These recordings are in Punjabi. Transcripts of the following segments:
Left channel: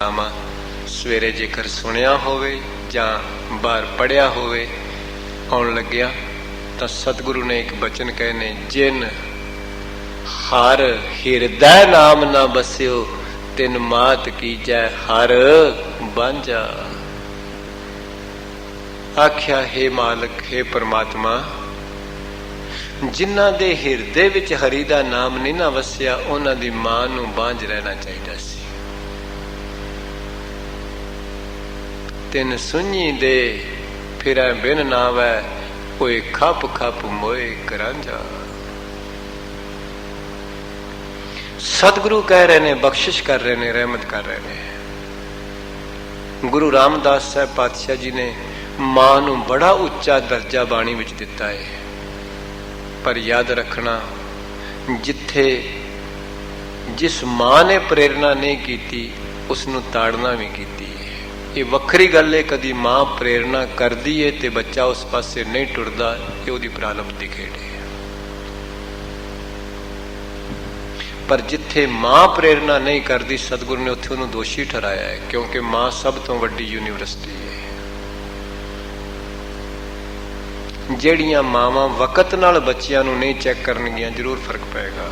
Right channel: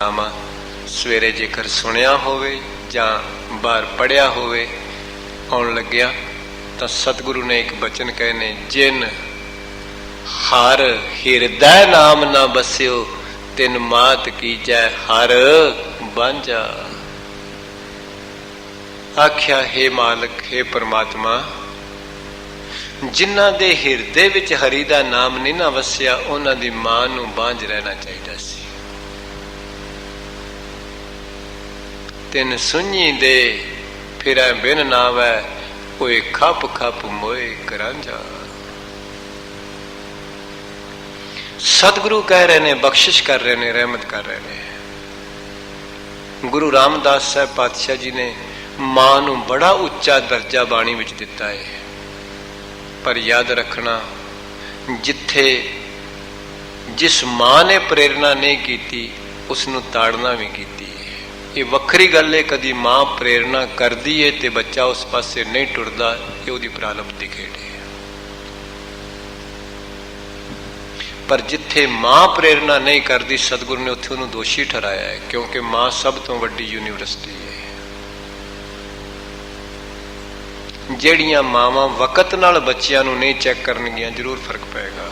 ਨਾਮਾ ਸਵੇਰੇ ਜੇਕਰ ਸੁਣਿਆ ਹੋਵੇ ਜਾਂ ਬਾਹਰ ਪੜ੍ਹਿਆ ਹੋਵੇ, ਆਉਣ ਲੱਗਿਆ ਤਾਂ ਸਤਿਗੁਰੂ ਨੇ ਇੱਕ ਬਚਨ ਕਹੇ ਨੇ, ਜਿਨ ਹਰ ਹਿਰਦੈ ਨਾਮ ਨਾ ਬਸਿਓ ਤਿਨ ਮਾਤ ਕੀਜੈ ਹਰ ਬਾਂਝਾ। ਆਖਿਆ, ਹੇ ਮਾਲਕ, ਹੇ ਪਰਮਾਤਮਾ, ਜਿਨ੍ਹਾਂ ਦੇ ਹਿਰਦੇ ਵਿੱਚ ਹਰੀ ਦਾ ਨਾਮ ਨਹੀਂ ਨਾ ਵਸਿਆ, ਉਹਨਾਂ ਦੀ ਮਾਂ ਨੂੰ ਬਾਂਝ ਰਹਿਣਾ ਚਾਹੀਦਾ ਸੀ। ਤਿੰਨ ਸੁਣੀ ਦੇ ਫਿਰੈ ਬਿਨ ਨਾਵੈ, ਹੋਏ ਖੱਪ ਖੱਪ ਮੋਏ ਕਰਾਂਝਾ। ਸਤਿਗੁਰੂ ਕਹਿ ਰਹੇ ਨੇ, ਬਖਸ਼ਿਸ਼ ਕਰ ਰਹੇ ਨੇ, ਰਹਿਮਤ ਕਰ ਰਹੇ ਨੇ। ਗੁਰੂ ਰਾਮਦਾਸ ਸਾਹਿਬ ਪਾਤਸ਼ਾਹ ਜੀ ਨੇ ਮਾਂ ਨੂੰ ਬੜਾ ਉੱਚਾ ਦਰਜਾ ਬਾਣੀ ਵਿੱਚ ਦਿੱਤਾ ਹੈ, ਪਰ ਯਾਦ ਰੱਖਣਾ, ਜਿੱਥੇ ਜਿਸ ਮਾਂ ਨੇ ਪ੍ਰੇਰਨਾ ਨਹੀਂ ਕੀਤੀ ਉਸ ਨੂੰ ਤਾੜਨਾ ਵੀ ਕੀਤੀ ਹੈ। ਇਹ ਵੱਖਰੀ ਗੱਲ ਹੈ, ਕਦੀ ਮਾਂ ਪ੍ਰੇਰਨਾ ਕਰਦੀ ਹੈ ਤੇ ਬੱਚਾ ਉਸ ਪਾਸੇ ਨਹੀਂ ਟੁਰਦਾ, ਇਹ ਉਹਦੀ ਪ੍ਰਾਰਬਧ ਦੀ ਖੇਡ ਹੈ। ਪਰ ਜਿੱਥੇ ਮਾਂ ਪ੍ਰੇਰਨਾ ਨਹੀਂ ਕਰਦੀ, ਸਤਿਗੁਰੂ ਨੇ ਉੱਥੇ ਉਹਨੂੰ ਦੋਸ਼ੀ ਠਹਿਰਾਇਆ ਹੈ, ਕਿਉਂਕਿ ਮਾਂ ਸਭ ਤੋਂ ਵੱਡੀ ਯੂਨੀਵਰਸਿਟੀ ਹੈ। ਜਿਹੜੀਆਂ ਮਾਵਾਂ ਵਕਤ ਨਾਲ ਬੱਚਿਆਂ ਨੂੰ ਨਹੀਂ ਚੈੱਕ ਕਰਨਗੀਆਂ, ਜ਼ਰੂਰ ਫਰਕ ਪਏਗਾ।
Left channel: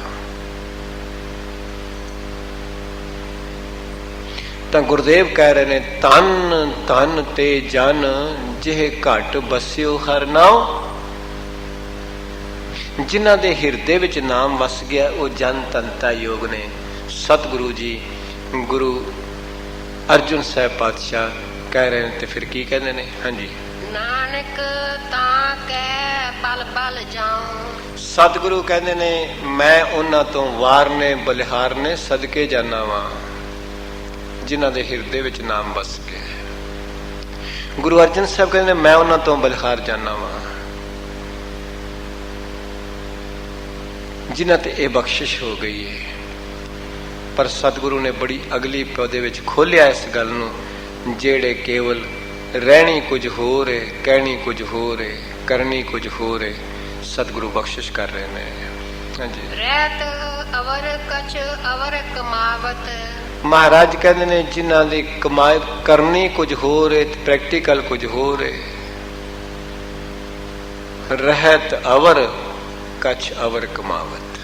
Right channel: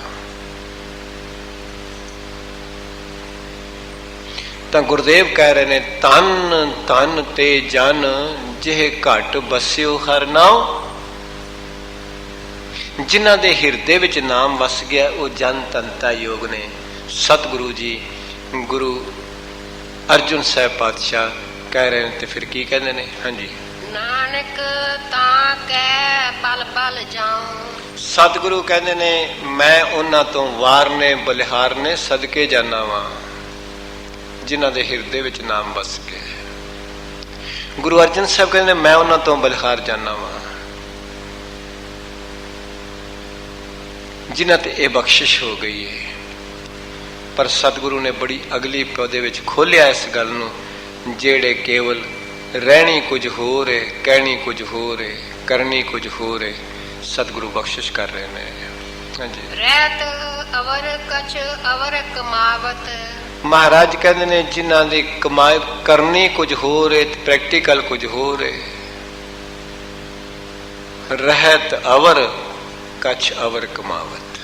ਤਾਂ ਗੁਰਦੇਵ ਕਹਿ ਰਹੇ ਨੇ, ਤਨ ਤਨ ਤੇ ਜਨ ਜਿਹ ਘਟ ਬਸਿਓ ਹਰ ਨਾਉ। ਜਿਨ੍ਹਾਂ ਦੇ ਹਿਰਦੇ ਵਿੱਚ ਨਾਮ ਵਸ ਗਿਆ, ਉਹ ਜਨ ਤਨਤਾ ਯੋਗ ਨੇ। ਸਤਿਗੁਰੂ ਜੀ ਗੁਰੂ ਅਰਜੁਨ ਸਾਹਿਬ ਪਾਤਸ਼ਾਹ ਕਹਿ ਰਹੇ ਨੇ, ਤੇ ਫਿਰ ਕੀ ਕਹਿੰਦੇ ਨੇ? ਹਾਂਜੀ, ਨਾਨਕ ਤਾਂ ਕੈ ਬਲ ਬਲ ਜਾਉ। ਸਤਿਗੁਰੂ ਕਹਿੰਦੇ ਨੇ, ਮੈਂ ਉਹਨਾਂ ਤੋਂ ਵਾਰ ਨੇ, ਬਲਿਹਾਰ ਨੇ, ਸਦਕੇ ਜਾਨਾ ਵਾਂ ਜਿਨ੍ਹਾਂ ਦੇ ਹਿਰਦੇ ਵਿੱਚ ਨਾਮ ਵਸ ਗਏ। ਗੁਰੂ ਅਰਜਨ ਸਾਹਿਬ ਕਹਿੰਦੇ ਨੇ, ਮੈਂ ਉਹਨਾਂ ਤੋਂ ਬਲਿਹਾਰ ਜਾਨਾ ਵਾਂ ਜਿਨ੍ਹਾਂ ਤੇ ਇਹ ਬਖਸ਼ਿਸ਼ ਹੋ ਗਈ ਹੈ। ਪਰ ਸਤਿਗੁਰੂ ਨੇ ਬੜੀ ਅਗਲੀ ਪੌਦੇ ਵਿੱਚ ਖੋਲਿਆ ਇਸ ਗੱਲ ਨੂੰ, ਜਿਹੜੇ ਕੇਵਲ ਰਹਿਣੀ ਕੁਝ ਹੋਰ ਹੈ, ਕਹਿਣੀ ਕੁਝ ਹੋਰ ਹੈ, ਕਰਨੀ ਕੁਝ ਹੋਰ ਹੈ। ਸਤਿਗੁਰੂ ਬਖਸ਼ਿਸ਼ ਕਰ ਰਹੇ ਨੇ। ਹਾਂਜੀ, ਰਹਿਤ ਅਵਰ ਕਛ ਅਵਰ ਕਮਾਵਤ। ਮਹਾਰਾਜ ਕਹਿੰਦੇ ਨੇ, ਜਿਨ੍ਹਾਂ ਦੀ ਕਮਾਈ ਕਰਨੀ ਕੁਝ ਹੋਰ ਹੈ, ਪ੍ਰੈਕਟੀਕਲ ਕੁਝ ਹੋਰ ਹੈ। ਰਹਿਤ ਅਵਰ ਕਛ ਅਵਰ ਕਮਾਵਤ।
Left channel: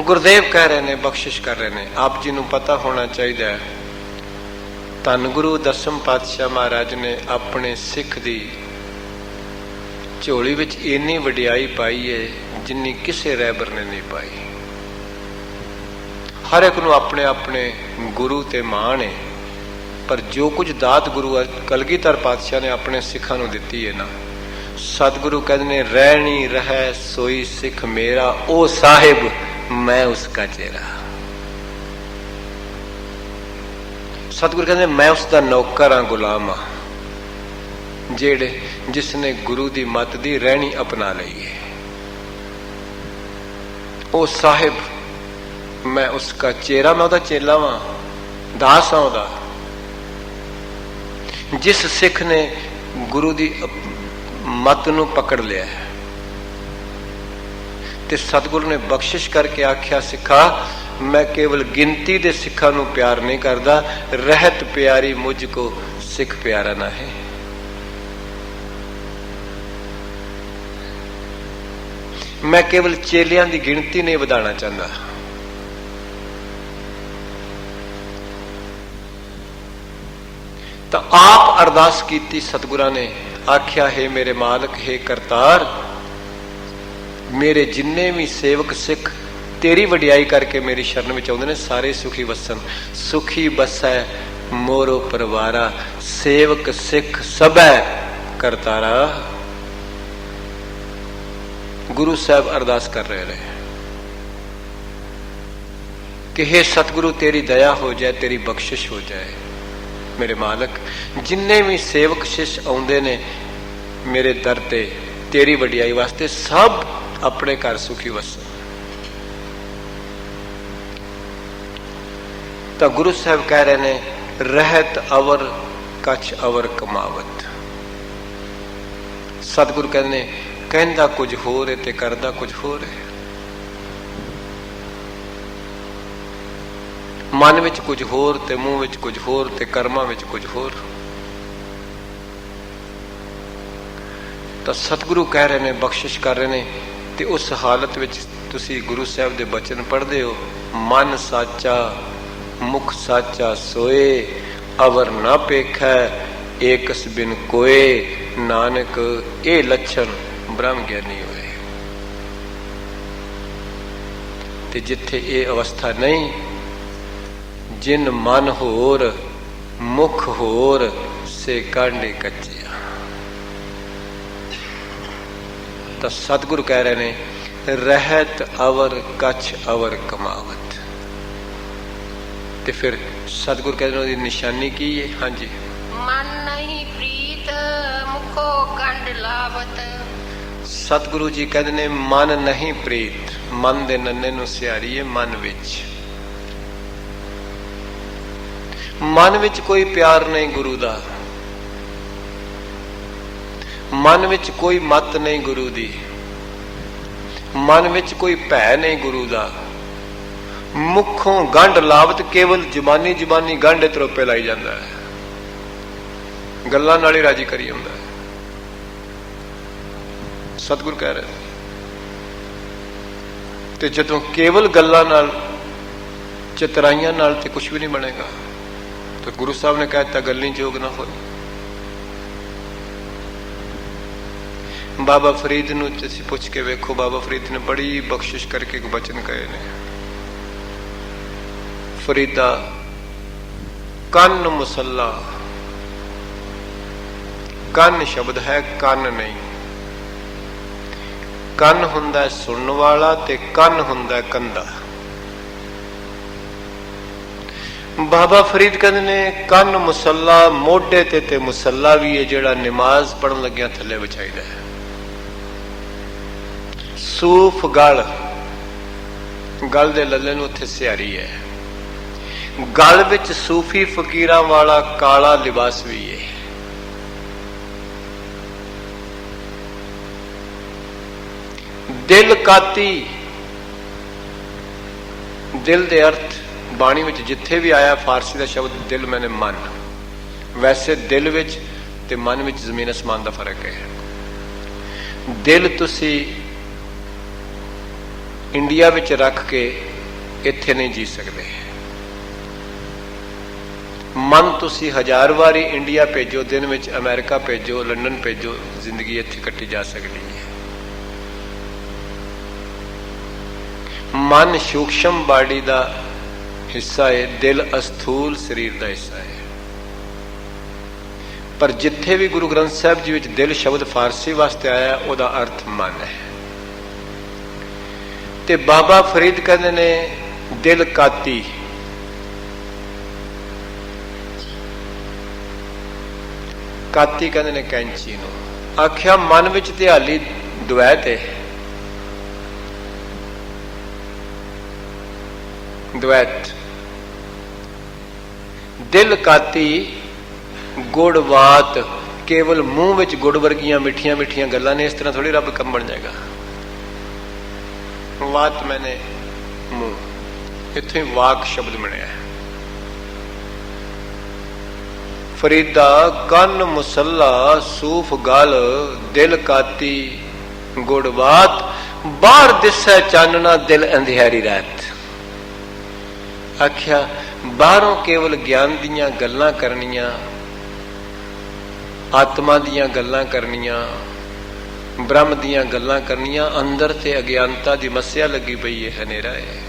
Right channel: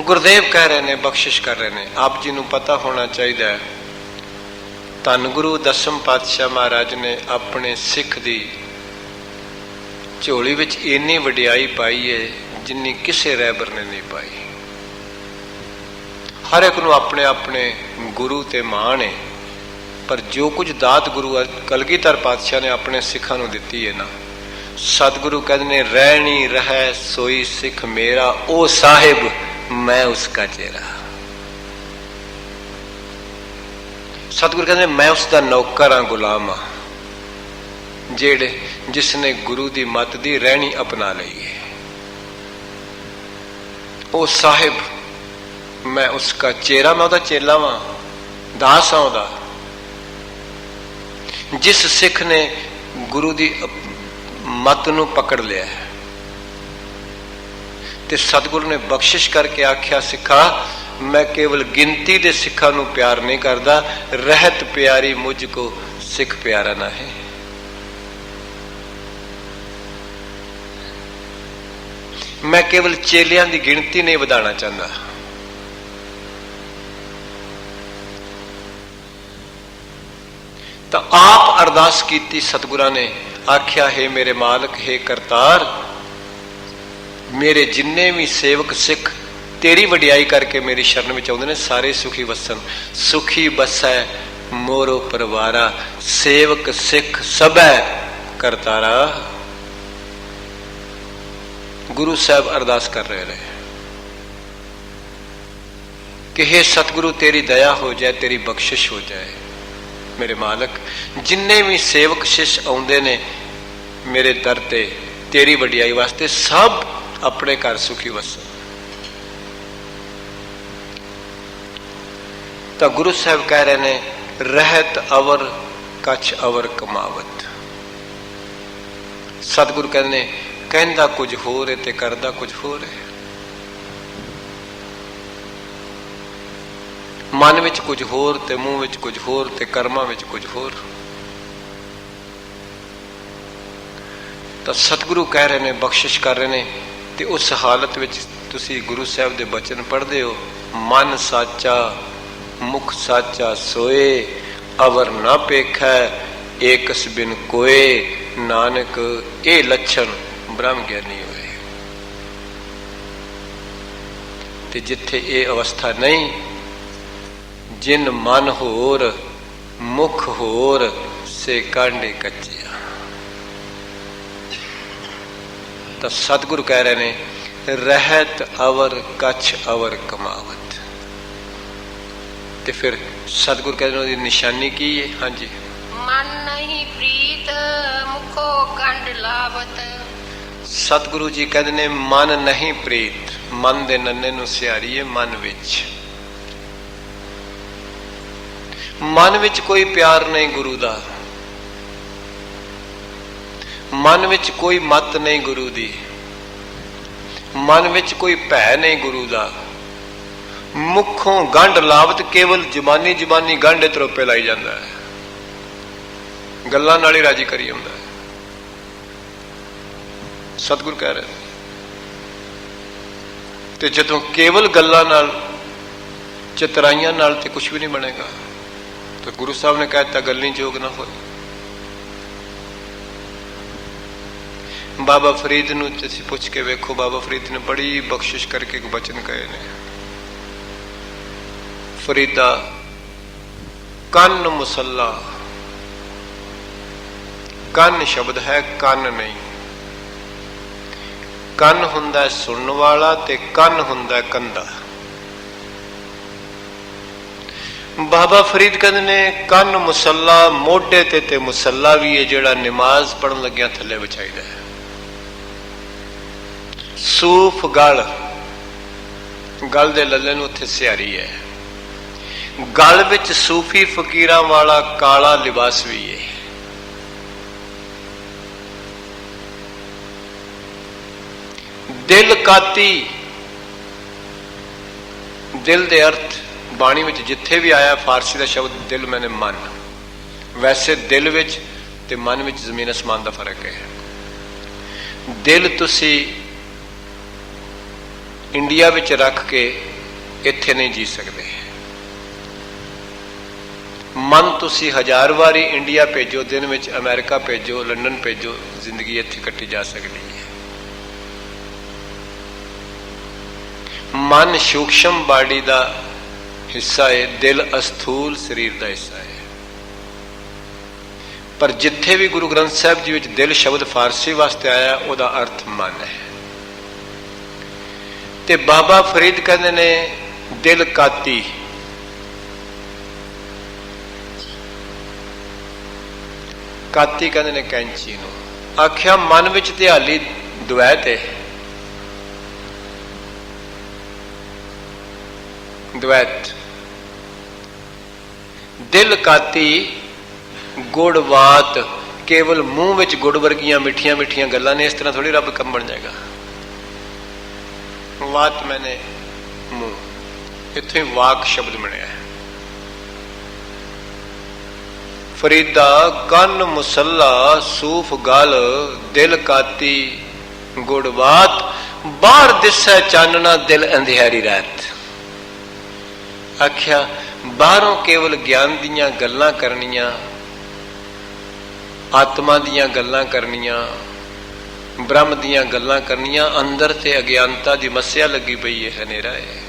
ਗੁਰਦੇਵ ਕਹਿ ਰਹੇ ਨੇ, ਬਖਸ਼ਿਸ਼ ਕਰ ਰਹੇ ਨੇ। ਆਪ ਜੀ ਨੂੰ ਪਤਾ ਹੋਣਾ ਚਾਹੀਦਾ ਹੈ, ਧੰਨ ਗੁਰੂ ਦਸਮ ਪਾਤਸ਼ਾਹ ਮਹਾਰਾਜ ਨੇ ਆਪਣੇ ਸਿੱਖ ਦੀ ਝੋਲੀ ਵਿੱਚ ਇੰਨੀ ਵਡਿਆਈ ਪਾਈ ਹੈ ਜਿੰਨੀ ਕਿਸੇ ਰਹਿਬਰ ਨੇ ਨਹੀਂ ਪਾਈ। ਹਰ ਇੱਕ ਨੂੰ ਆਪਣੇ ਆਪਣੇ ਗੁਰੂ ਤੇ ਮਾਣ ਹੈ, ਪਰ ਜੋ ਕੁਝ ਦਾਤ ਗੁਰੂ ਕਲਗੀਧਰ ਪਾਤਸ਼ਾਹ ਨੇ ਆਪਣੇ ਸਿੱਖਾਂ ਨੂੰ ਦਿੱਤੀ ਹੈ ਨਾ, ਸਤਿਗੁਰੂ ਕਹਿੰਦੇ ਨੇ, ਰਹਿਣੀ ਰਹਿ ਸੋਈ ਸਿੱਖ ਮੇਰਾ, ਉਹ ਸਾਹਿਬ ਮੈਂ ਉਸਕਾ ਚੇਰਾ। ਸਤਿਗੁਰੂ ਕਹਿੰਦੇ, ਮੈਂ ਉਸਦਾ ਨੌਕਰ ਹਾਂ, ਗੁਲਾਮ ਹਾਂ, ਜਿਸ ਨੇ ਗੁਰੂ ਦੀ ਮੱਤ ਦੀ ਰਹਿਣੀ ਅਪਣਾ ਲਈ ਹੈ। ਉਹ ਸਾਹਿਬ ਮੈਂ ਉਸਕਾ ਚੇਰਾ, ਮੈਂ ਉਹਦਾ ਚੇਲਾ ਵਾਂ, ਦਾਸ ਹਾਂ ਉਹਦਾ। ਜਿਸ ਸਿੱਖ ਨੇ ਗੁਰੂ ਦੀ ਮੱਤ ਨੂੰ ਪਕੜ ਲਿਆ ਤੇ ਸਤਿਗੁਰੂ ਨੇ ਬਖਸ਼ਿਸ਼ ਕਰਕੇ ਆਖਿਆ, ਸਿੱਖਾ, ਮੈਂ ਕੇਵਲ ਗਿਣਤੀ ਦੇ ਸਿੱਖਾਂ ਨੂੰ ਪਿਆਰ ਨਹੀਂ ਕਰਦਾ, ਰਹਿਤ ਪਿਆਰੀ ਮੁਝ ਕੋ ਸਿੱਖ ਪਿਆਰਾ ਨਾ ਹੈ। ਮੈਂ ਕੇਵਲ ਚੇਲਿਆਂ ਦੀ ਗਿਣਤੀ ਨਹੀਂ ਵਧਾਉਣਾ ਚਾਹੁੰਦਾ। ਤਾਂ ਆਪ ਅਰਦਾਸ ਕੀਤੀ ਸਤਿਗੁਰਾਂ ਨੇ, ਆਖਿਆ, ਹੇ ਮੇਰੇ ਮਾਲਕ, ਹੇ ਕਰਤਾਰ, ਮੇਰੇ ਜਿੰਨੇ ਵੀ ਸੇਵਕ ਸਿੱਖ ਤੇਰੀ ਵਡਿਆਈ ਕਰਕੇ ਮੇਰੀ ਸ਼ਰਨ ਵਿੱਚ ਆਉਂਦੇ ਨੇ, ਸਾਰੇ ਸੁਖੀ ਵਸਣ। ਸੁਖੀ ਬਸੈ ਮੋਰੋ ਪਰਿਵਾਰਾ, ਸੇਵਕ ਸਿੱਖ ਸਭੈ ਕਰਤਾਰਾ। ਗੁਰੂ ਸਾਹਿਬ ਅਰਦਾਸ ਕਰ ਰਹੇ ਨੇ ਕਿ ਹੇ ਸਤਿਗੁਰੂ, ਤੇਰੀ ਦਇਆ ਹੋ ਜਾਏ, ਤੇਰੀ ਬਖਸ਼ਿਸ਼ ਹੋ ਜਾਏ। ਮੇਰੇ ਮਾਲਕ, ਜਿੰਨੇ ਵੀ ਸੇਵਕ ਸ਼ਿਸ਼ ਆਉਂਦੇ ਨੇ ਮੇਰੇ ਦਰ ਤੇ ਤੇਰੀ ਵਡਿਆਈ ਵਾਸਤੇ, ਸਭ ਆਪਣੇ ਘਰ ਸੁਖੀ ਵਸੇ। ਤਾਂ ਗੁਰੂ ਸਾਹਿਬ ਕਹਿ ਰਹੇ ਨੇ, ਰਹਿਤ ਅਵਰ ਕਛ ਅਵਰ ਕਮਾਵਤ। ਸਤਿਗੁਰੂ ਕਹਿੰਦੇ ਨੇ, ਕਹਿੰਦਾ ਕੁਝ ਹੋਰ ਹੈ ਤੇ ਕਰਦਾ ਕੁਝ ਹੋਰ ਹੈ। ਮਨ ਵਿੱਚ ਕੁਝ ਹੋਰ ਤੇ ਮੂੰਹ ਵਿੱਚ ਕੁਝ ਹੋਰ ਤੇ ਕਰਮਾਂ ਵਿੱਚ ਕੁਝ ਹੋਰ। ਤਾਂ ਸਤਿਗੁਰੂ ਕਹਿ ਰਹੇ ਨੇ, ਬਖਸ਼ਿਸ਼ ਕਰ ਰਹੇ ਨੇ, ਤੇ ਉਸ ਹਾਲਤ ਵਿੱਚ ਤੁਸੀਂ ਗੁਰੂ ਸਾਹਿਬ ਦੇ ਬਚਨ ਪੜ੍ਹਦੇ ਹੋ, ਮਨ ਸਾਚਾ ਮੁਖ ਸਾਚਾ ਸੋਏ, ਅਵਰ ਨਾ ਪੇਖੈ ਏਕਸ ਬਿਨ ਕੋਏ, ਨਾਨਕ ਇਹ ਲੱਛਣ ਬ੍ਰਹਮ ਗਿਆਨੀ ਹੋਏ। ਤੇ ਜਿੱਥੇ ਇਹ ਅਵਸਥਾ ਨਹੀਂ, ਜਿਨ ਮਨ ਹੋਰ ਮੁਖ ਹੋਰ, ਸੇ ਕਾਂਡੇ ਕੱਚਿਆ। ਤਾਂ ਸਤਿਗੁਰੂ ਕਹਿ ਰਹੇ ਨੇ, ਰਹਿਤ ਅਵਰ ਕਛ ਅਵਰ ਕਮਾਵਤ। ਤੇ ਫਿਰ ਸਤਿਗੁਰੂ ਕਹਿੰਦੇ ਨੇ ਉਹਦੀ ਨਿਸ਼ਾਨੀ ਕੀ ਹੈ? ਹਾਂਜੀ, ਮਨ ਨਹੀਂ ਪ੍ਰੀਤ ਮੁਖੋ ਕੰਡ ਲਾਵਤ। ਸਤਿਗੁਰੂ ਜੀ ਕਹਿੰਦੇ ਨੇ ਮਨ ਨਹੀਂ ਪ੍ਰੀਤ। ਮਨ ਦੇ ਨੰਨੇ ਨੂੰ ਸਿਹਾਰੀਏ ਮਨ ਵਿੱਚ। ਮਨ ਵਿੱਚ ਕੋਈ ਪਿਆਰ ਨਹੀਂ ਗੁਰੂ ਦਾ, ਮਨ ਵਿੱਚ ਕੋਈ ਮੱਤ ਨਹੀਂ ਗੁਰੂ ਦੀ, ਮਨ ਵਿੱਚ ਕੋਈ ਭੈ ਨਹੀਂ ਗੁਰੂ ਦਾ। ਮੁਖੋਂ ਗੰਢ ਲਾਵਤ, ਕੇਵਲ ਜ਼ਬਾਨੀ ਜ਼ਬਾਨੀ ਗੰਢ ਤਰੋਪੇ ਲਾਈ ਜਾਂਦਾ ਹੈ, ਗੱਲਾਂ ਨਾਲ ਹੀ ਰਾਜੀ ਕਰੀ ਹੁੰਦਾ ਹੈ। ਸਤਿਗੁਰ ਕਹਿ ਰਹੇ ਤੇ ਜਦੋਂ ਕੇਵਲ ਗੱਲਾਂ ਨਾਲ, ਚਤਰਾਈਆਂ ਨਾਲ ਤੇ ਕੁਝ ਵੀ ਨਹੀਂ ਬਣੇਗਾ। ਤੇ ਗੁਰੂ ਸਾਹਿਬ ਨੇ ਕਹਿ ਦਿੱਤਾ, ਗੱਲੀ ਜੋਗ ਨਾ ਹੋਏ। ਬਾਬਾ ਫਰੀਦ ਨੂੰ ਤੁਸੀਂ ਪੁੱਛ ਕੇ ਵੇਖੋ, ਬਾਬਾ ਫਰੀਦ ਨੇ ਬੜੀ ਬਖਸ਼ਿਸ਼ ਕਰਕੇ ਇੱਕ ਬਚਨ ਕਹੇ ਨੇ, ਫਰੀਦਾ ਕੰਨ ਮੁਸੱਲਾ। ਕੰਨ ਸ਼ਬਦ ਹੈ, ਕੰਨ ਨਹੀਂ। ਕੰਨ ਹੁੰਦਾ ਸੁਣਨ ਵਾਲਾ ਤੇ ਕੰਨ ਹੁੰਦਾ ਕੰਧਾ। ਬਾਬਾ ਫਰੀਦ ਕਹਿੰਦੇ ਨੇ ਕੰਨ ਮੁਸੱਲਾ, ਮੋਢੇ ਤੇ ਮੁਸੱਲਾ ਵੀ ਹੈ, ਜਿਹੜਾ ਨਮਾਜ਼ ਪੜਨ ਲੱਗਿਆ ਥੱਲੇ ਵਿਛਾਈਦਾ ਹੈ। ਸੂਫ ਗਲ, ਗਲ ਦੇ ਲੱਲੇ ਨੂੰ ਉੱਥੇ ਸਿਹਾਰੀ ਹੈ। ਗਲ ਵਿੱਚ ਸੂਫੀ ਫਕੀਰਾਂ ਵਾਲਾ ਕਾਲਾ ਲਿਬਾਸ ਵੀ ਹੈ। ਦਿਲ ਕਾਤੀ, ਦਿਲ ਦੇ ਅਰਥ ਬਾਣੀ ਵਿੱਚ ਜਿੱਥੇ ਵੀ ਆਇਆ, ਫਾਰਸੀ ਦਾ ਸ਼ਬਦ ਦਿਲ ਮੈਨੇ ਮਨ। ਵੈਸੇ ਦਿਲ ਵਿੱਚ ਤੇ ਮਨ ਵਿੱਚ ਜ਼ਮੀਨ ਅਸਮਾਨ ਦਾ ਫਰਕ ਹੈ। ਦਿਲ ਤੁਸੀਂ ਇੰਡੀਆ ਵਿੱਚ ਰੱਖ ਕੇ ਇੱਥੇ ਨਹੀਂ ਜੀ ਸਕਦੇ। ਮਨ ਤੁਸੀਂ 1000 ਵਾਰੀ ਇੰਡੀਆ ਭੇਜੋ, ਦਿਨ ਵਿੱਚ ਅਮਰੀਕਾ ਭੇਜੋ, ਲੰਡਨ ਭੇਜੋ, ਜ਼ਿੰਦਗੀ ਇੱਥੇ ਕੱਟੀ ਜਾ ਸਕਦੀ ਹੈ। ਮਨ ਸੂਖਸ਼ਮ ਬਾਡੀ ਦਾ ਹਿੱਸਾ ਹੈ, ਦਿਲ ਅਸਥੂਲ ਸਰੀਰ ਦਾ ਹਿੱਸਾ ਹੈ। ਪਰ ਜਿੱਥੇ ਵੀ ਗੁਰੂ ਗ੍ਰੰਥ ਸਾਹਿਬ ਜੀ ਵਿੱਚ ਦਿਲ ਸ਼ਬਦ ਫਾਰਸੀ ਵਾਸਤੇ ਆਇਆ, ਉਹਦਾ ਅਰਥ ਮਨ ਹੈ। ਤੇ ਬਾਬਾ ਫਰੀਦ ਕਹਿੰਦੇ ਨੇ ਦਿਲ ਕਾਤੀ। ਕਾਤੀ ਕਹਿੰਦੇ ਨੇ ਕੈਂਚੀ ਨੂੰ। ਆਖਿਆ ਮਨ ਵਿੱਚ ਤੇ ਹਾਲੀ ਦੁਐਤ ਹੈ, ਦੁਐਤ। ਦਿਲ ਕਾਤੀ ਗੁੜਵਾਤ, ਕੇਵਲ ਮੂੰਹ ਵਿੱਚ ਗੁੜ ਵਰਗੀਆਂ ਮਿੱਠੀਆਂ ਮਿੱਠੀਆਂ ਗੱਲਾਂ ਨੇ। ਇਸ ਤਰ੍ਹਾਂ ਥੋੜੀ ਰੱਬ ਕੰਮ ਬਣ ਜਾਏਗਾ। ਵਾਤ ਮੈਨੇ ਮੂੰਹ, ਇੱਥੇ ਵਾਕ ਸ਼ਬਦ ਬਣਿਆ। ਫਰੀਦਾ ਕੰਨ ਮੁਸੱਲਾ, ਸੂਫ ਗਲ, ਦਿਲ ਕਾਤੀ ਗੁੜਵਾਤ, ਬਾਹਰ ਦਿਸੈ ਚਾਨਣਾ, ਦਿਲ ਅੰਧਿਆਰੀ ਰਾਤ। ਆਖਿਆ ਬਾਹਰੋਂ ਕੇਵਲ ਗਿਆਨ ਦੀਆਂ ਗੱਲਾਂ ਕਰਨੀਆਂ, ਆਤਮਾ ਦੀਆਂ ਗੱਲਾਂ ਕਰਨੀਆਂ, ਬ੍ਰਹਮ ਦੀਆਂ ਗੱਲਾਂ ਕਰਨੀਆਂ, ਅੰਦਰ ਤੇ ਅਗਿਆਨਤਾ ਦੀ ਮੱਸਿਆ ਲੱਗੀ ਪਈ ਹੈ, ਹਨੇਰਾ ਹੈ।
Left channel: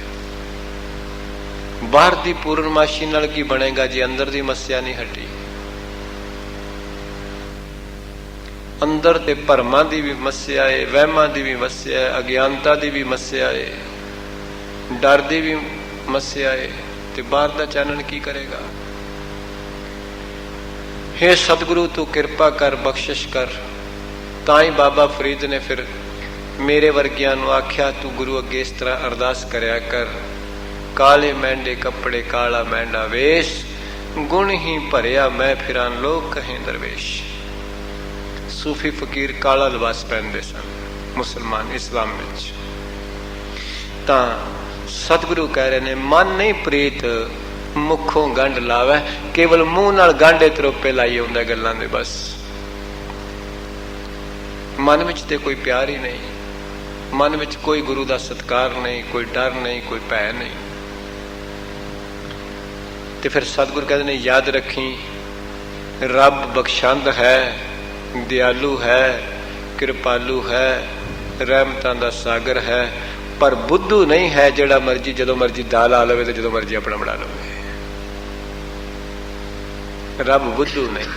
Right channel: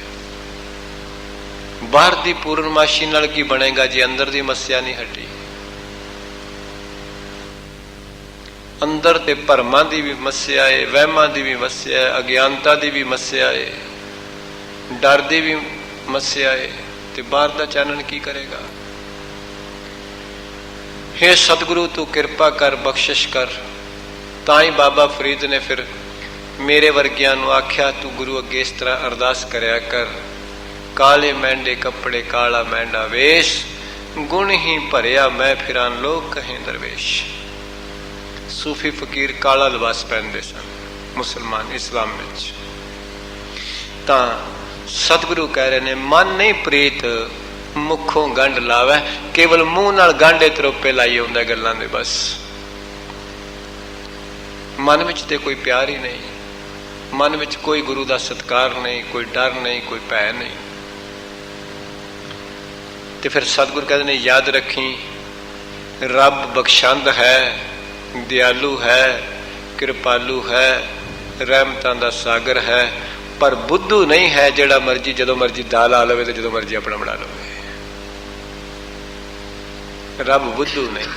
ਬਾਹਰ ਦੀ ਪੂਰਨਮਾਸ਼ੀ ਨਾਲ ਕੀ ਬਣੇਗਾ ਜੇ ਅੰਦਰ ਦੀ ਮੱਸਿਆ ਨਹੀਂ ਹਟੀ? ਅੰਦਰ ਤੇ ਭਰਮਾਂ ਦੀ ਵੀ ਮੱਸਿਆ ਹੈ, ਵਹਿਮਾਂ ਦੀ ਵੀ ਮੱਸਿਆ ਹੈ, ਅਗਿਆਨਤਾ ਦੀ ਵੀ ਮੱਸਿਆ ਹੈ, ਡਰ ਦੀ ਵੀ ਮੱਸਿਆ ਹੈ। ਤੇ ਬਾਹਰ ਦਾ ਚਾਨਣ ਕੀ ਕਰੇਗਾ? ਹੇ ਸਤਿਗੁਰੂ ਤੂੰ ਕਿਰਪਾ ਕਰ, ਬਖਸ਼ਿਸ਼ ਕਰ। ਤਾਂ ਹੀ ਬਾਬਾ ਫਰੀਦ ਨੇ ਫਿਰ ਮੇਰੇ ਵਰਗਿਆਂ ਨੂੰ ਆਖਿਆ, ਤੂੰ ਗੁਰੂ ਅੱਗੇ ਇਸ ਤਰ੍ਹਾਂ ਅਰਦਾਸ ਕਰਿਆ ਕਰ, ਕਾਲੇ ਮਹਿੰਡੇ ਕੱਪੜੇ ਕਾਲਾ ਮਹਿੰਡਾ ਵੇਸ਼, ਗੁਣ ਹੀ ਭਰਿਆ ਮੈਂ ਫਿਰਾਂ ਲੋਕ ਕਹੇ ਦਰਵੇਸ਼। ਸੂਫੀ ਫਕੀਰ ਕਾਲਾ ਲਿਬਾਸ ਪਹਿਨਦੇ ਸਨ ਮੁਸਲਮਾਨ ਇਸਲਾਮ ਵਿੱਚ। ਤਾਂ ਸਤਿਗੁਰੂ ਕਹਿ ਰਹੇ ਨੇ ਮਨ ਨਹੀਂ ਪ੍ਰੀਤ मुखों गंढ लावे, केवल मुंह नाल गांढे तरोपे लाई आउंदा गल्लां दे। बस मन विच ते कोई प्यार ही नहीं, मन विच कोई गुरु दा सत्कार नहीं, कोई डर नहीं, कोई भय नहीं। ते फिर सतगुरु कहते ने याद रखी, रब बख्शंद है, दयालु है, कृपालु है, रहमतां दा सागर है, पर बुद्धू नहीं है जेड़ा मर्जी जदों मर्जी दाल ला लवे ते जदों मर्जी अपना बना लवे। रब बुद्धू नहीं।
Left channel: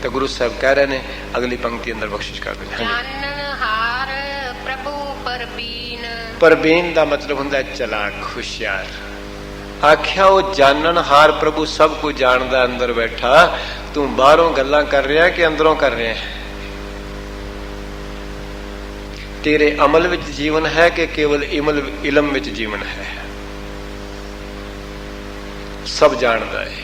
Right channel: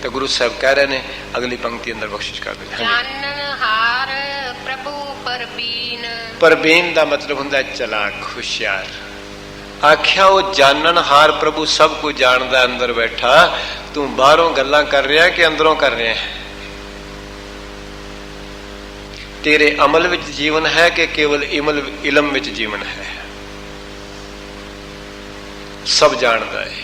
तो गुरु साहब कह रहे ने अगली पंक्ति अंदर बख्शिश कर दे। जाननहार प्रभु परबीन। परबीन दा मतलब हुंदा चलाक, होशियार। आख्या वो जाननहार प्रभु सब कुछ जानदा अंदर बैठा, तू बाहरों गल्लां कर रहा कि अंदरों कर रहा है? तेरे अमल विच जीवन है कि केवल इलम विच जीवन है? सब जानदा है।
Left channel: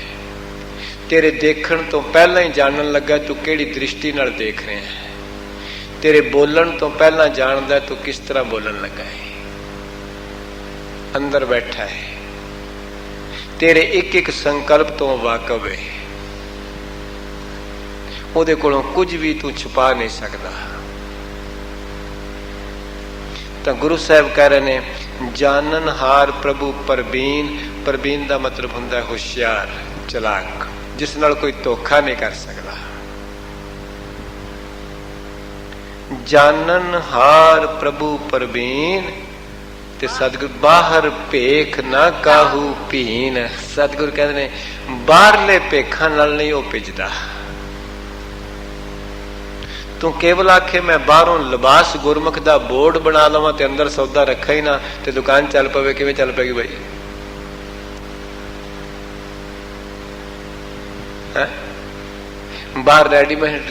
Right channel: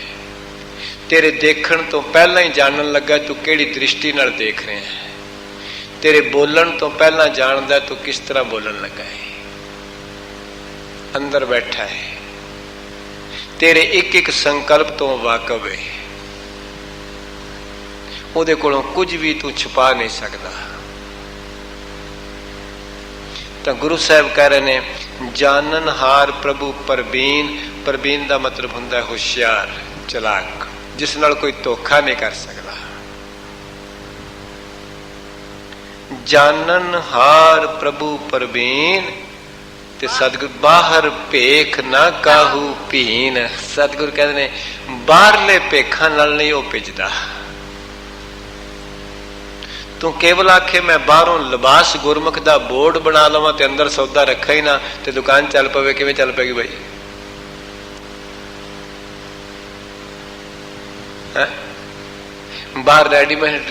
तेरे देखण तो पहला ही जानन लगा तू केड़ी दृष्टि नाल देख रहे हैं। तेरे बोलन तो पहला जानदा तू किस तरह बोलन लगा है। अंदर बैठा है, तेरे एक एक संकल्प तो वाकफ है। ਉਹਦੇ ਕੋਲੋਂ कुछ भी तू छुपा नहीं सकता। तो गुरु साहब कह रहे ने जाननहार प्रभु परबीन। परबीन का मतलब हुंदा है होशियार, चलाक, जिस नाल कोई धोखा नहीं कर सकता। जाननहार प्रभु परबीन। ते सतगुरु बाहर भेख ना काहू भीन। सतगुरु कहते ने बाहरले भेखा नाल नहीं वो भिजदा। तू केवल आखे मैं बाहरों लिबास गुरमुख दा बोर्ड बना लवां ते अंदर सौदा रखा ही ना, ते दुकान चल पवे, किवें चल पेगी भाई? बाहर रेडीमेड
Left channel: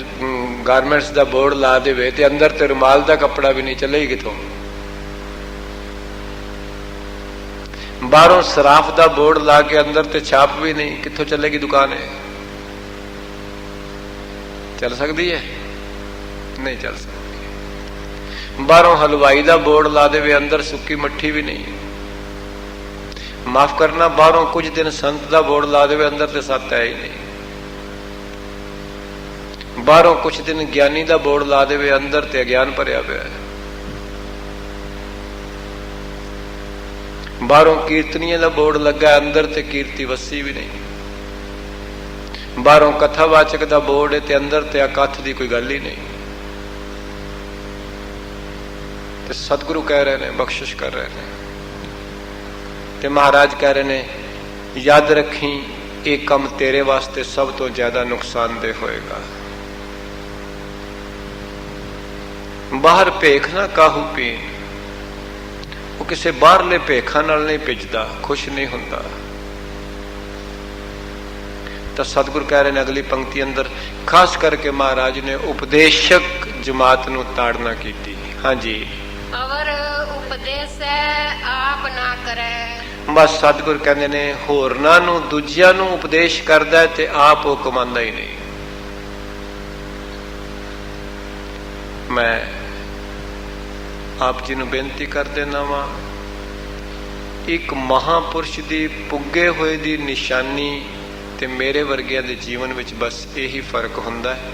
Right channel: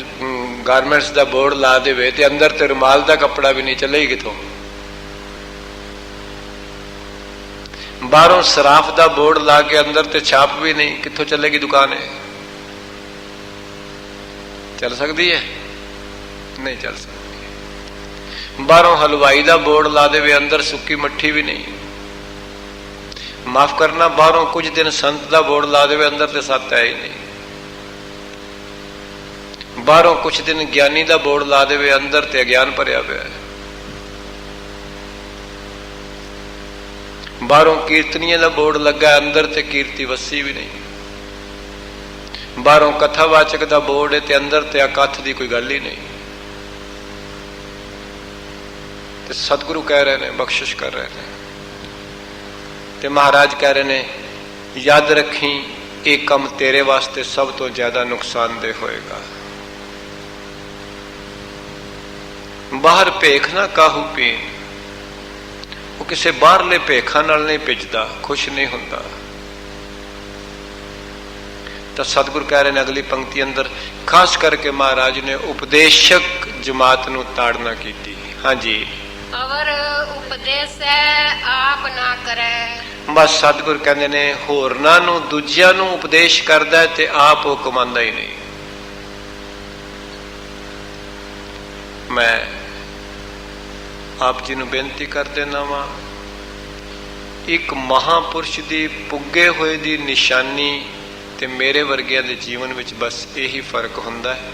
गारमेंट्स दा बोर्ड ला देवे ते अंदर ते रुमाल दा कपड़ा भी नहीं चलेगी किथों? बाहरों सराफ दा बोर्ड ला के अंदर ते छाप भी नहीं, किथों चलेगी दुकान? है चल सकती है? नहीं चल सकती। बाहरों हलवाई दा बोर्ड ला देवे, अंदर सुक्की मट्ठी भी नहीं। माफ करना, बाहरों कुछ दिन संत दा बोर्ड ला देवे, अंदर ते सत है ही नहीं। बाहरों कुछ दिन ज्ञानी दा बोर्ड ला देवे, अंदर ते अज्ञान भरिया पिया। बाहरों कीर्तनिया दा बोर्ड लगा, अंदर ते कीर्ति वसी भी नहीं। बाहरों कथावाचक दा बोर्ड है ते अंदर ते अकथ दी कोई गल ही नहीं। ते सतगुरु कह रहे ने, बख्शिश कर रहे हैं, ते महाराज कह रहे ने याद रखी, एक कम तेरे वास्ते सब तो ज्यादा नुकसानदेह होएगा। बाहर भेख ना काहू पी। वो किसी बाहरले भेखा नाल नहीं भिजदा, खुश नहीं हुंदा। तो सतगुरु कह रहे हैं अगली पंक्ति अंदर, खास करके महाराज ने उपदेशक जमात नूं ताड़ना कीती। हाँ जी, अवर उपदेश आप ना करे। बस सतगुरु कहते ने होरनां नूं दूजियां नूं उपदेश करदा है ते आप वो कमांदा ही नहीं। मैं आप जी नूं बेनती कर देना वा, एक महापुरुष दी पुगे होए दी निशानी ते मेरे वर्गिਆਂ ਦੇ जीवन ਵਿੱਚ बस यही फर्क ਹੁੰਦਾ है।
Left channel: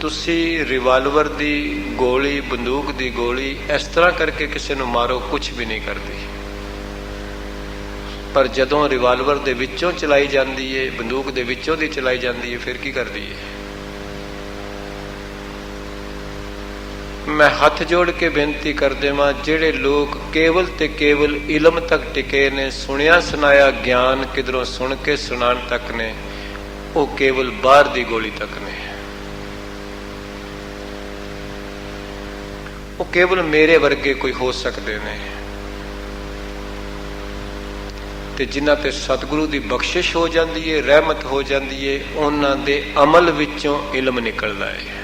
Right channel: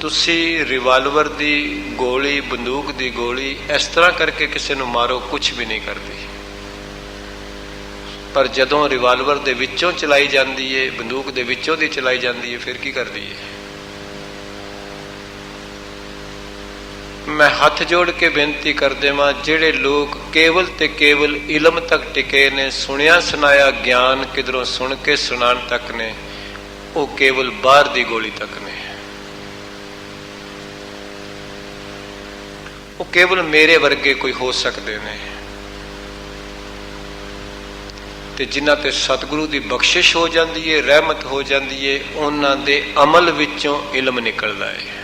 ਤੁਸੀਂ रिवाल्वर दी गोली, बंदूक दी गोली इस तरह करके किसी ਨੂੰ मारो, कुछ भी नहीं करती। पर जदों रिवाल्वर दे विचों चलाई जाती है, बंदूक दे विचों दी चलाई जाती है, फिर की करती है? मैं हथ जोड़ के बेनती कर देवां, जेड़े लोग केवल ते केवल इलम तक टिके ने, सुनिया सुनाया ज्ञान किधरों सुन के सुनान तक ने, वो केवल बाहर दी गोली तक ने। वो केवल मेरे वर्गे कोई हो सकते ने। ते जिन्हां ते सतगुरु दी बख्शिश हो जाती है, रहमत हो जाती है, उन्हां दे अमल विचों इलम निकलदा है।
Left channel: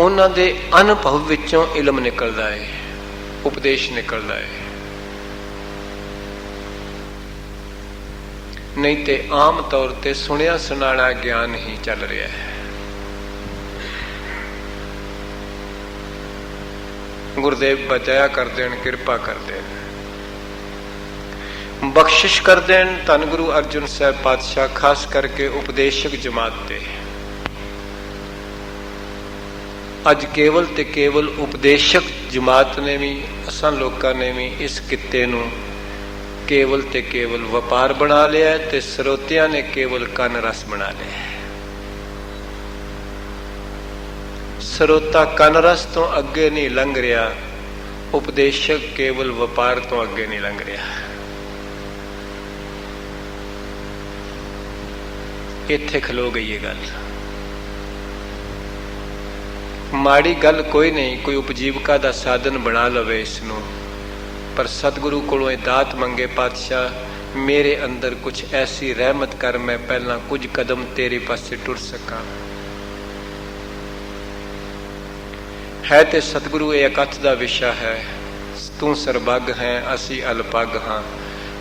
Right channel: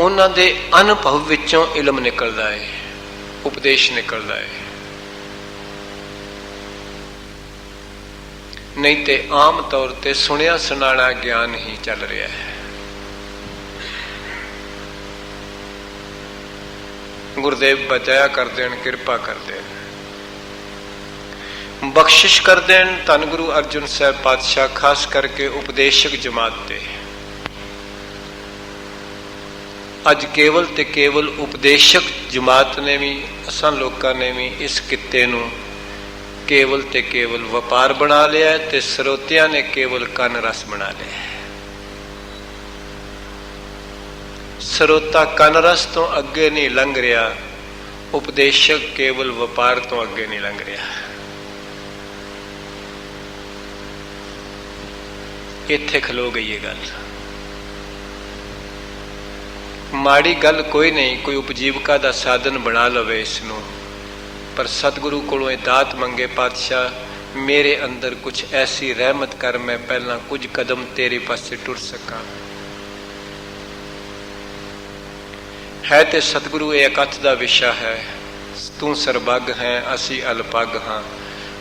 उन्हां दे अनुभव विचों इलम निकलदा है, उपदेश निकलदा है। नहीं तो आम तौर पर सुनिया सुनाना ज्ञान ही चल रहा है। ਗੁਰਦੇਵ ਬਚਾਇਆ ਕਰ ਦੇਣ, ਕਿਰਪਾ ਕਰ ਦੇਣ, ਬਖਸ਼ਿਸ਼ ਕਰ ਦੇਣ। ਧੰਨ ਗੁਰੂ ਅਰਜਨ ਸਾਹਿਬ ਪਾਤਸ਼ਾਹ ਖਾਸ ਕਰਕੇ ਉਪਦੇਸ਼ਕ ਜਮਾਤ ਤੇ ਅੱਜ ਕੇਵਲ ਤੇ ਕੇਵਲ ਉਪਦੇਸ਼ਕ ਜਮਾਤ ਨੇ ਵੀ, ਅਸਾਂ ਲੋਕਾਂ ਨੇ ਵੀ ਇਸ ਕਿੱਤੇ ਨੂੰ ਕੇਵਲ ਤੇ ਕੇਵਲ ਵਪਾਰ ਬਣਾ ਲਿਆ ਤੇ ਸਰੋਤਿਆਂ ਨੇ ਕੇਵਲ ਕੰਨ ਰਸ ਬਣਾ ਲਿਆ। ਸਰੋਤਾ ਕੰਨ ਰਸ ਤੋਂ ਅੱਗੇ ਨਹੀਂ ਲੰਘ ਰਿਹਾ, ਉਪਦੇਸ਼ਕ ਕੇਵਲ ਵਪਾਰ ਤੋਂ ਅੱਗੇ ਨਹੀਂ ਲੰਘ ਰਿਹਾ। ਇੱਥੇ ਖਲੋ ਗਈ ਇਹ ਗੱਲ। ਮਾੜੀ ਗੱਲ ਕੋਈ ਨਹੀਂ, ਕੋਈ ਉਪਜੀਵਕਾ ਦਾ ਸਾਧਨ ਬਣਾ ਲਵੇ ਇਸ ਨੂੰ, ਪਰ ਸਤਿਗੁਰੂ ਕੋਲੋਂ ਇਹ ਦਾਤ ਮੰਗੇ, ਪਾਤਸ਼ਾਹ ਮੇਰੇ ਅੰਦਰ ਕੁਝ ਐਸੀ ਰਹਿਮਤ ਕਰ, ਮੈਂ ਪਹਿਲਾਂ ਕੁਝ ਕਦਮ ਤੇਰੇ ਪਾਸੇ ਟੁਰ ਸਕਾਂ। ਹੈ ਤੇ ਸਤਿਗੁਰੂ ਇਹ ਇਕੱਠ ਦਾ ਵਿਸ਼ਾ ਹੈ, ਤੂੰ ਸਰਬੱਗ ਹੈ, ਅਸੀਂ ਅਲਪੱਗ ਹਾਂ,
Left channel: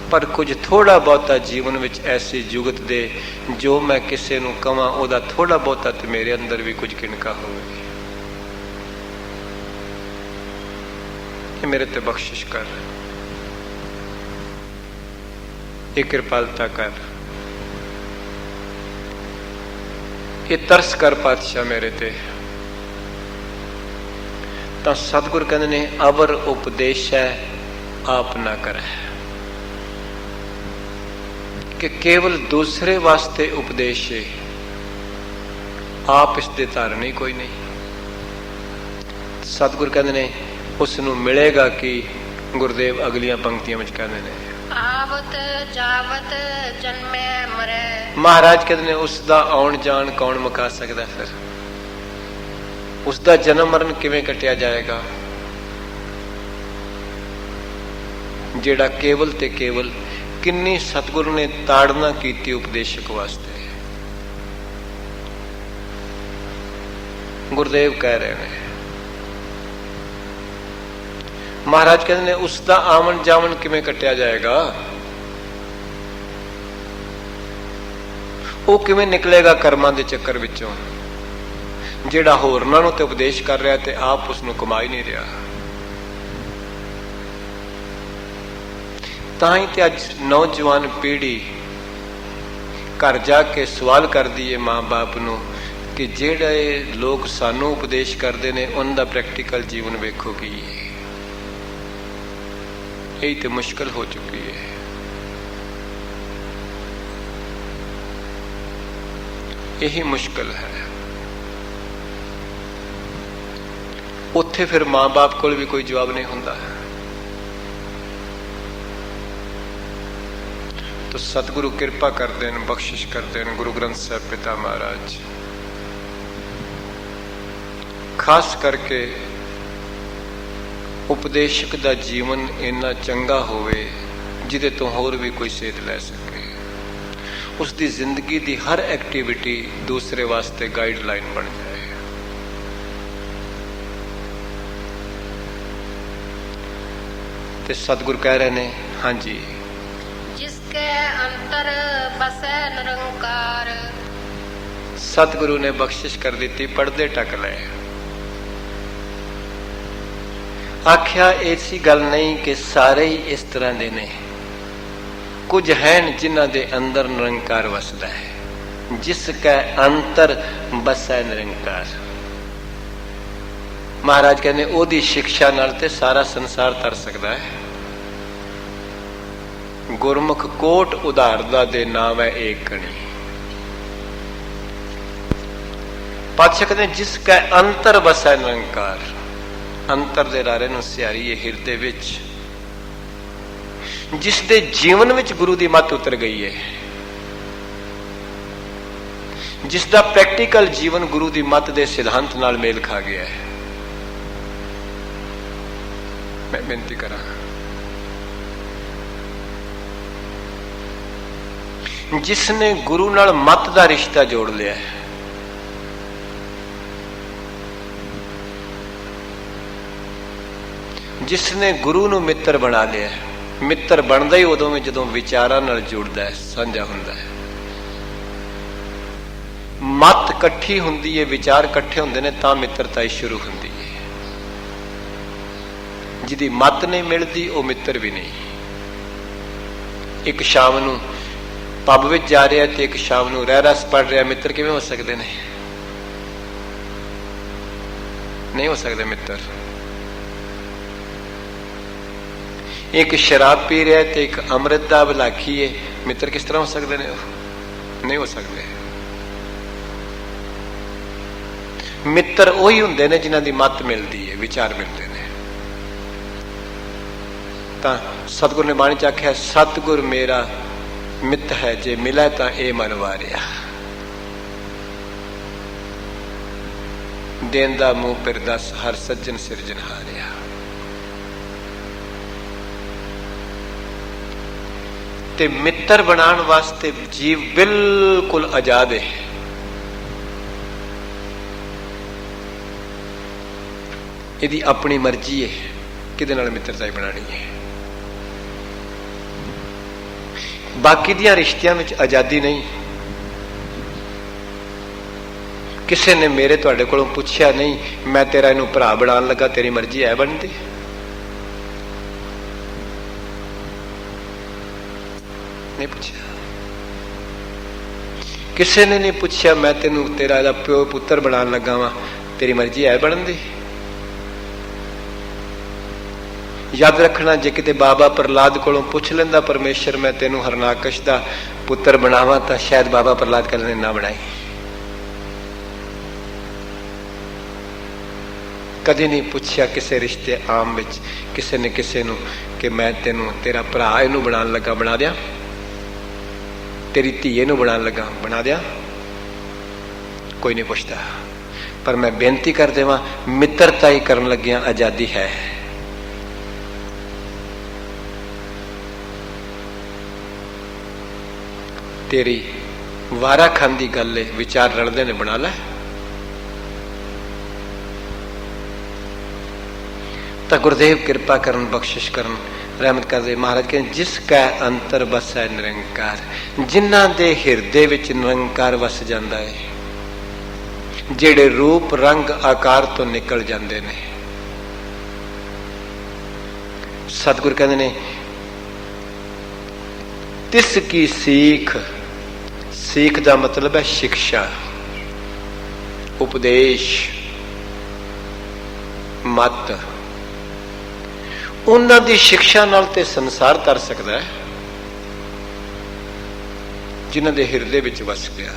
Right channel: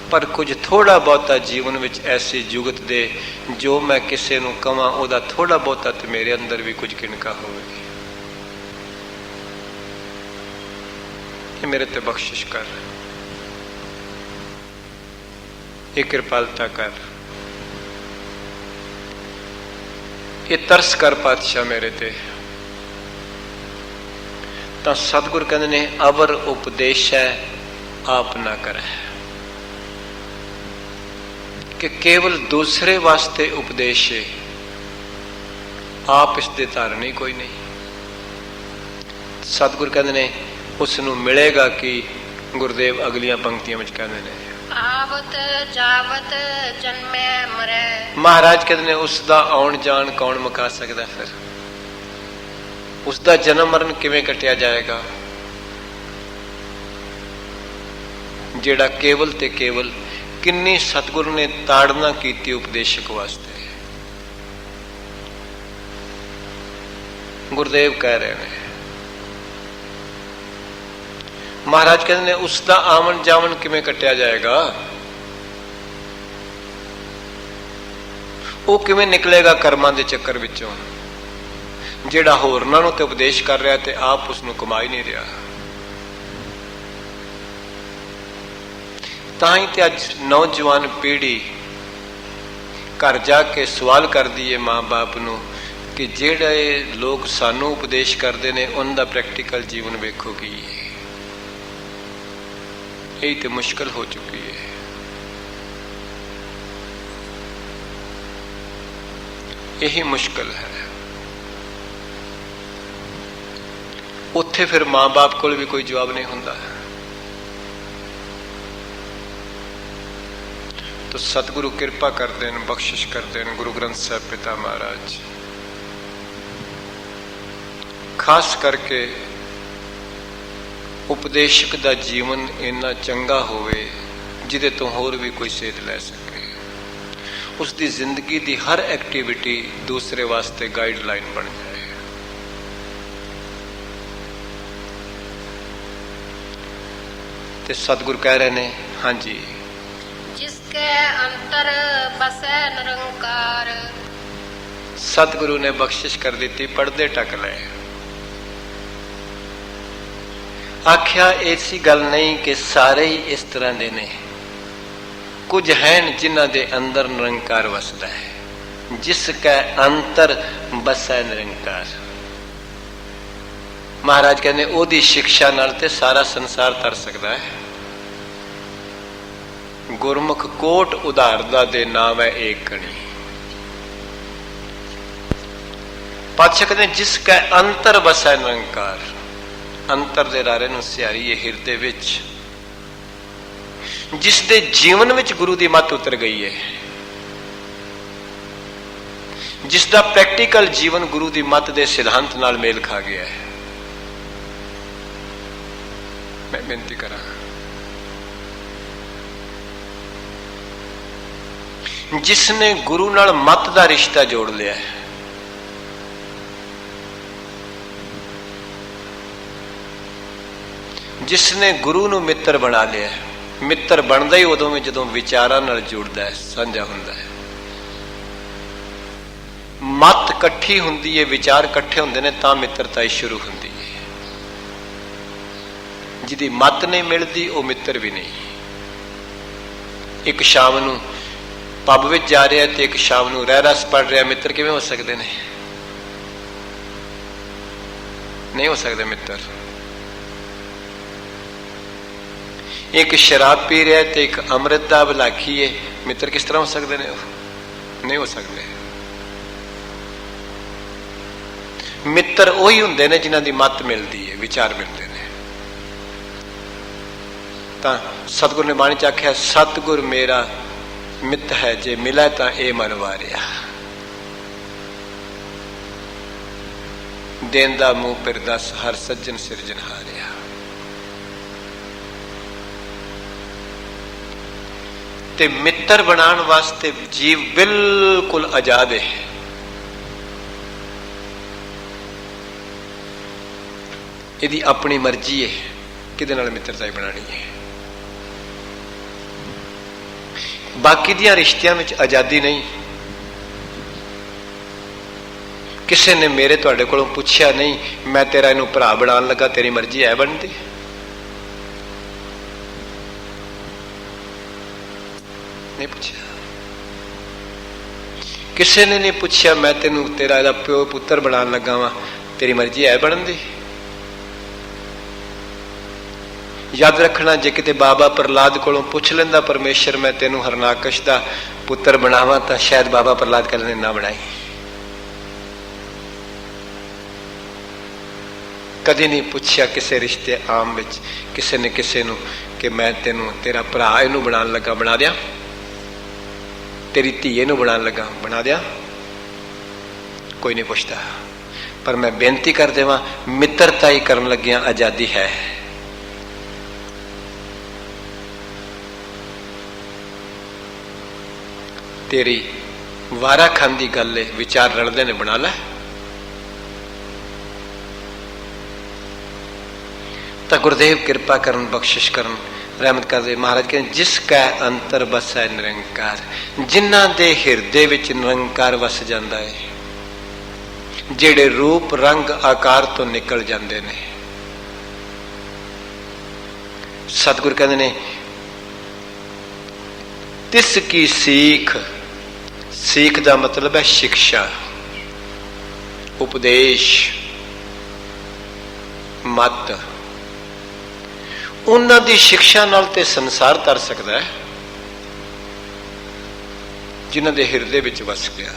ਪਰ ਕੁਝ ਥੋੜਾ ਬਹੁਤਾ ਜੀਵਨ ਵਿੱਚ ਐਸੀ ਜੁਗਤ ਦੇ ਜੋ ਮੈਂ ਕਿਸੇ ਨੂੰ ਕਵਾਂ ਉਹਦਾ ਥੋੜਾ ਬਹੁਤਾ ਤੇ ਮੇਰੇ ਅੰਦਰ ਵੀ ਕੁਝ ਕਿਨਕਾ ਹੋਵੇ। ਇਹ ਮੇਰੇ ਤੇ ਬਖਸ਼ਿਸ਼ ਕਰ, ਇਹ ਕਿਰਪਾਲਤਾ ਕਰ, ਇਹ ਤਰਸ ਕਰ ਪਾਤਸ਼ਾਹ ਮੇਰੇ ਤੇ। ਤਾਂ ਸਤਿਗੁਰ ਕਹਿੰਦੇ ਨੇ ਅਵਰ ਉਪਦੇਸ਼ ਹੈ ਆਪ ਨਾ ਕਰੇ, ਕਿ ਕੇਵਲ ਦੂਸਰੇ ਵਾਸਤੇ ਉਪਦੇਸ਼ ਹੈ, ਆਪ ਇਸ ਦੇ ਧਾਰਨੀ ਕੋਈ ਨਹੀਂ। ਸਤਿਗੁਰ ਕਹਿੰਦੇ ਨੇ ਉਸ ਨੂੰ ਮਿਲੇਗਾ ਕਿ ਗੁਰਦੇਵ ਅਗਲੀਆਂ ਪੰਕਤੀਆਂ ਵਿੱਚ ਕਹਿੰਦੇ ਨੇ ਆਵਤ ਜਾਵਤ ਜਨਮੈ ਮਰੈ। ਮਹਾਰਾਜ ਕਹਿੰਦੇ ਨੇ ਉਸ ਦਾ ਆਉਣ ਜਾਣ ਕੌਣ ਮੁਕਾ ਸਕਦਾ? ਫਿਰ ਉਸ ਦਾ ਜਨਮ ਮਰਨ ਕਿਵੇਂ ਕੱਟਿਆ ਜਾਏਗਾ? ਜਿਹੜਾ ਕੇਵਲ ਤੇ ਕੇਵਲ ਕਿੰਨੀ ਸਤਿਗੁਰੂ ਨੇ ਤਾੜਨਾ ਕੀਤੀ ਉਪਦੇਸ਼ਕ ਵਾਸਤੇ। ਗੁਰਦੇਵ ਕਹਿ ਰਹੇ ਨੇ, ਮਹਾਰਾਜ ਕਹਿੰਦੇ ਨੇ ਉਸ ਦਾ ਆਵਣ ਜਾਵਣ ਕਿਵੇਂ ਕੱਟਿਆ ਜਾਏਗਾ? ਉਹ ਕਿਵੇਂ ਨਿਕਲੇਗਾ ਕਰਮਾਂ ਦੇ ਚੱਕਰ ਵਿੱਚੋਂ, ਜਿਹੜਾ ਹੋਰਨਾਂ ਨੂੰ ਤੇ ਉਪਦੇਸ਼ ਕਰ ਰਿਹਾ ਤੇ ਆਪ ਉਸ ਨੂੰ ਕਮਾ ਹੀ ਨਹੀਂ ਰਿਹਾ। ਤਾਂ ਹੀ ਤੇ ਅੱਜ ਨੌਜਵਾਨ ਪੀੜ੍ਹੀ ਘਰ ਜਾ ਕੇ ਸਵਾਲ ਕਰਦੀ ਹੈ ਮਾਂ ਬਾਪ ਨੂੰ ਕਿ ਜਿਹੜੇ ਲੋਕ ਸਾਨੂੰ ਉਪਦੇਸ਼ ਕਰਦੇ ਨੇ ਉਹਨਾਂ ਦਾ ਪ੍ਰੈਕਟੀਕਲ ਜੀਵਨ ਵੇਖੋ ਕੀ ਹੈ। ਇਹ ਤੇ ਮੁਸ਼ਕਲ ਹੋ ਚੁੱਕੀ ਹੈ। ਇਹੀ ਮੁਸ਼ਕਲ ਹੈ। ਉੱਥੇ ਫਿਰ ਮਾਂ ਬਾਪ ਕੋਲ ਵੀ ਕੋਈ ਜਵਾਬ ਨਹੀਂ ਹੁੰਦਾ। तो सतगुरु कृपा कर देन, बख्शिश कर देन। गुरु ग्रंथ साहिब पिता महाराज खास करके उपदेशक दा जीवन इन्ना चंगा होवे जिदे तो होर भी कोई सेध लै सके। उसकी जिंदगी की हर एक्टिविटी दूसरे वास्ते गाइडलाइन बन जाए। ते सतगुरु कह रहे ने, हाँ जी, अंतर बसै निरंकार। सतगुरु ने बख्शिश कर दी, पढ़दे टक ले। आख्या ऐसी गल नहीं कि सारे ही इस तरह दे ने, कुछ हैं जिन्हां दे अंदर निरंकार वसदा है। जिसका अंतर बसै निरंकार। महाराज कहने ओदी शिक्षा नाल ते सारा संसार तर सकदा है। गुरमुख कोट उदारदा दे नाम है एक कणी। पातशाह कहते जिसका अंतर बसा निरंकार। अंतर दे रारे नूं सियारी है हिरदे विच, जिस दे जीवन विच गुरु दी मत उतर गई है, जिसदा प्रैक्टिकल जीवन गुरु दी मत दे सिद्धांत नाल मेल खा गया है। मैं बेनती करा, जिसने गुरु नाल मत दा रिश्ता जोड़ लिया है, जिसने गुरु नूं मित्र बना लिया है। मित्र बनदा ही उदों में जदों विचारां नाल जुड़दा है, साझा हुंदा है। मत इकट्ठी हुंदी है, विचार इकट्ठे हुंदे ने तां मित्रता शुरू हुंदी है। ਜਿਹਦੀ ਮੱਤ ਨਹੀਂ ਮਿਲਦੀ ਉਹ ਮਿੱਤਰ ਵੀ ਨਹੀਂ। ਇੱਕ ਸ਼ਾਮ ਨੂੰ ਪੱਬ ਵਿੱਚ ਜਾ ਰਿਹਾ ਤੇ ਇੱਕ ਸ਼ਾਮ ਨੂੰ ਰਹਿ ਰਸ ਪੜ ਰਿਹਾ, ਮਿੱਤਰ ਕਿਵੇਂ ਹੋ ਸਕਦੇ ਨੇ? ਨਹੀਂ ਹੋ ਸਕਦੇ ਮਿੱਤਰ। ਇੱਕ ਸ਼ਰਾਬ ਪੀ ਰਿਹਾ ਤੇ ਇੱਕ ਅੰਮ੍ਰਿਤ ਦਾ ਬਲਾਖੀ ਹੈ, ਮਿੱਤਰ ਕਿਸ ਤਰ੍ਹਾਂ ਹੋ ਸਕਦੇ ਨੇ? ਨਹੀਂ ਹੋ ਸਕਦੇ। ਮਿੱਤਰ ਉਹੀ ਹੁੰਦੇ ਨੇ ਜਿਨ੍ਹਾਂ ਦੀ ਮੱਤ ਮਿਲਦੀ ਹੈ, ਵਿਚਾਰ ਮਿਲਦੇ ਨੇ। ਤਾਂ ਸਤਿਗੁਰ ਨੇ ਬਾਣੀ ਚ ਆਖਿਆ, ਸਤਿਗੁਰ ਮੇਰਾ ਮਿੱਤ ਹੈ, ਜੇ ਮਿਲਾ ਤਾਂ ਇਹ ਮਨ ਵਾਰਿਆ। ਦੇਂਦਾ ਮੂੰਹ ਫਿਰ ਦਸ, ਹਰ ਸੱਜਣ ਸਿਰਜਣਹਾਰਿਆ। ਤੇ ਮਿੱਤਰ ਬਣਾਉਣ ਵਾਸਤੇ ਜੀਵ ਬਿਲਕੁਲ ਆਜ਼ਾਦ ਹੈ। ਇਹਦੀ ਆਪਣੀ ਮਰਜ਼ੀ ਹੈ ਕਿਹਦੇ ਨਾਲ ਮਿੱਤਰਤਾ ਬਣਾਉਣੀ ਹੈ। ਬਾਕੀ ਦੀਆਂ ਰਿਸ਼ਤਿਆਂ ਵਿੱਚ ਆਜ਼ਾਦੀ ਨਹੀਂ। ਕਿਸੇ ਨੇ ਮੇਰੇ ਤੁਹਾਡੇ ਕੋਲੋਂ ਪੁੱਛਿਆ ਨਹੀਂ, ਮੈਂ ਤੇਰਾ ਇਹਨੂੰ ਭਰਾ ਬਣਾਉਣ ਲੱਗਾ, ਤੇਰੀ ਮਰਜ਼ੀ ਹੈ ਬਣਦੀ? ਨਹੀਂ ਪੁੱਛਿਆ। ਕਿਸੇ ਨੇ ਨਹੀਂ ਪੁੱਛਿਆ, ਮੈਂ ਤੈਨੂੰ ਤੇਰਾ ਇਹਦਾ ਪਿਓ ਪੁੱਤਰ ਬਣਾਉਣ ਲੱਗਾ ਵਾ, ਤੇਰੀ ਮਰਜ਼ੀ ਹੈ ਬਣਦੀ? ਯਾਦ ਰੱਖਣਾ, ਜੇ ਕਿਤੇ ਬਾਬਾ ਪ੍ਰਹਲਾਦ ਕੋਲੋਂ ਪੁੱਛ ਲੈਂਦਾ ਪਰਮੇਸ਼ਰ ਮੈਂ ਤੈਨੂੰ ਹਰਨਾਕਸ਼ ਦਾ ਪੁੱਤਰ ਬਣਾਵਾਂ, ਤਾਂ ਸ਼ਾਇਦ ਬਾਬਾ ਪ੍ਰਹਲਾਦ ਕਹਿੰਦੇ ਨਾ ਬਣਾਈ। ਕਦੇ ਨਹੀਂ ਪੁੱਛਿਆ ਕਿਸੇ ਰਿਸ਼ਤੇ ਆਮ ਵਿੱਚ ਕਿਸੇ ਨੇ ਕਿਸੇ ਨੂੰ ਕਿ ਮੈਂ ਤੈਨੂੰ ਤੇਰਾ ਭਰਾ ਇਹਨੂੰ ਬਣਾਉਣ ਲੱਗਾ, ਬਣਾ ਦਿਆਂ? ਤੇਰੀ ਧੀ ਇਹਨੂੰ ਬਣਾਉਣ ਲੱਗਾ, ਬਣਾ ਦਿਆਂ? ਕੋਈ ਨਹੀਂ ਪੁੱਛਦਾ। ਪਰ ਮੈਂ ਬੇਨਤੀ ਕਰ ਦੇਵਾਂ, ਮਿੱਤਰਤਾ ਹੀ ਕਰਨ ਲੱਗਿਆਂ ਆਜ਼ਾਦੀ ਹੈ। ਤੇਰੀ ਵਾਰਾ ਖਾਨ ਦੀ ਗੱਲ ਹੈ, ਵਿਚਾਰ ਰਲਦੇ ਨੇ, ਬਣਾ ਲੈ। ਤਾਂ ਗੁਰਦੇਵ ਕਿਰਪਾ ਕਰਨ, ਬਖਸ਼ਿਸ਼ ਕਰਨ, ਰਹਿਮਤ ਕਰਦੇ। ਮਹਾਰਾਜ ਕਹਿੰਦੇ, ਜਿਸ ਕਾ ਅੰਤਰ ਬਸੈ ਨਿਰੰਕਾਰ, ਜਿਨ੍ਹਾਂ ਦੇ ਹਿਰਦੇ ਵਿੱਚ ਨਿਰੰਕਾਰ ਵਸ ਜਾਂਦਾ ਹੈ, ਜਿਹੜੇ ਰੂਪ ਰੰਗ ਆਕਾਰ ਤੋਂ ਨਿਕਲ ਜਾਂਦੇ ਨੇ। ਸਤਿਗੁਰ ਕਹਿੰਦੇ ਨੇ, ਤਿਸ ਕੀ ਸੀਖ, ਸੀਖ ਦਾ ਮਤਲਬ ਹੈ ਸਿੱਖਿਆ, ਉਪਦੇਸ਼, ਮਤ। ਉਹਨਾਂ ਦੀ ਸਿੱਖਿਆ ਨਾਲ ਤੇ ਸੰਸਾਰ ਤਰ ਸਕਦਾ ਹੈ, ਜਿਨ੍ਹਾਂ ਦੇ ਹਿਰਦੇ ਵਿੱਚ ਵਸ ਗਿਆ।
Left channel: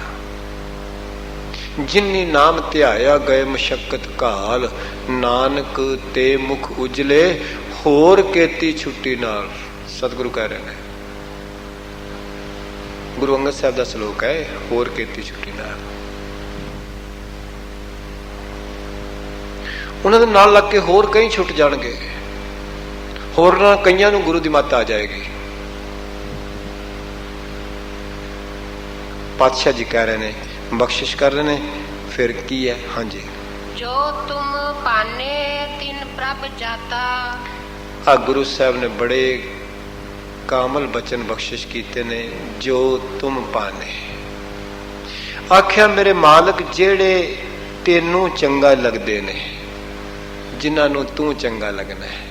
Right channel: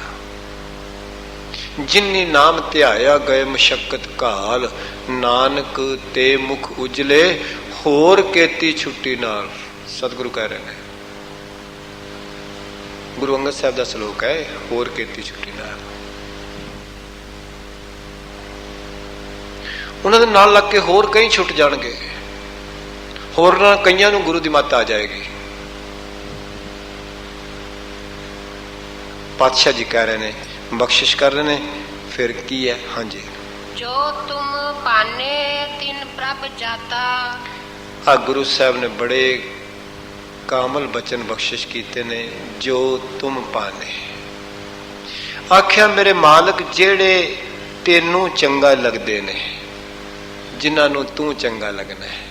ਜਿਨ੍ਹਾਂ ਨਾਮ ਧਿਆਇਆ ਗਏ ਮਸ਼ੱਕਤ ਕਾਲ, ਨਾਨਕ ਤੇ ਮੁਖ ਉਜਲੇ, ਹੋਰ ਕੀਤੀ ਛੁੱਟੀ ਨਾਲ। ਸਤਿਗੁਰੂ ਕਹਿ ਰਹੇ ਨੇ, ਗੁਰੂ ਅੰਗਦ ਸਾਹਿਬ ਦਾ ਸ਼ਲੋਕ ਹੈ, ਹੋਰ ਕੀਤੀ ਛੁੱਟੀ ਨਾਲ। ਉਹਨਾਂ ਦੇ ਨਾਲ ਲੱਗ ਕੇ ਹੋਰ ਕਈ ਛੁੱਟ ਜਾਣਗੇ, ਹੋਰ ਨਾਲ ਕਈਆਂ ਨੂੰ ਗੁਰੂ ਦੀ ਮੱਤ ਆ ਜਾਏਗੀ। ਪਾਤਸ਼ਾਹ ਜੀ ਕਹਿ ਰਹੇ ਨੇ, ਬਖਸ਼ਿਸ਼ ਕਰ ਰਹੇ ਨੇ, ਫਿਰ ਕੀ ਹੈ? ਹਾਂਜੀ, ਜੋ ਤੁਮ ਪਾਨੇ ਤਿਨ ਪ੍ਰਭ ਜਾਤਾ। ਆ ਗੁਰੂ ਸਾਹਿਬ ਨੇ ਬੜੇ ਕਾਮਲ ਬਚਨ ਬਖਸ਼ਿਸ਼ ਕੀਤੇ ਨੇ। ਜੋ ਤੁਮ ਪਾਨੇ, ਆਖਿਆ ਮੇਰੇ ਮਾਲਕ, ਜਿਹੜੇ ਤੈਨੂੰ ਚੰਗਾ ਲੱਗਦੇ ਨੇ, ਜਿਨ੍ਹਾਂ ਨੂੰ ਤੂੰ ਚੰਗਾ ਲੱਗਣਾ ਹੈ।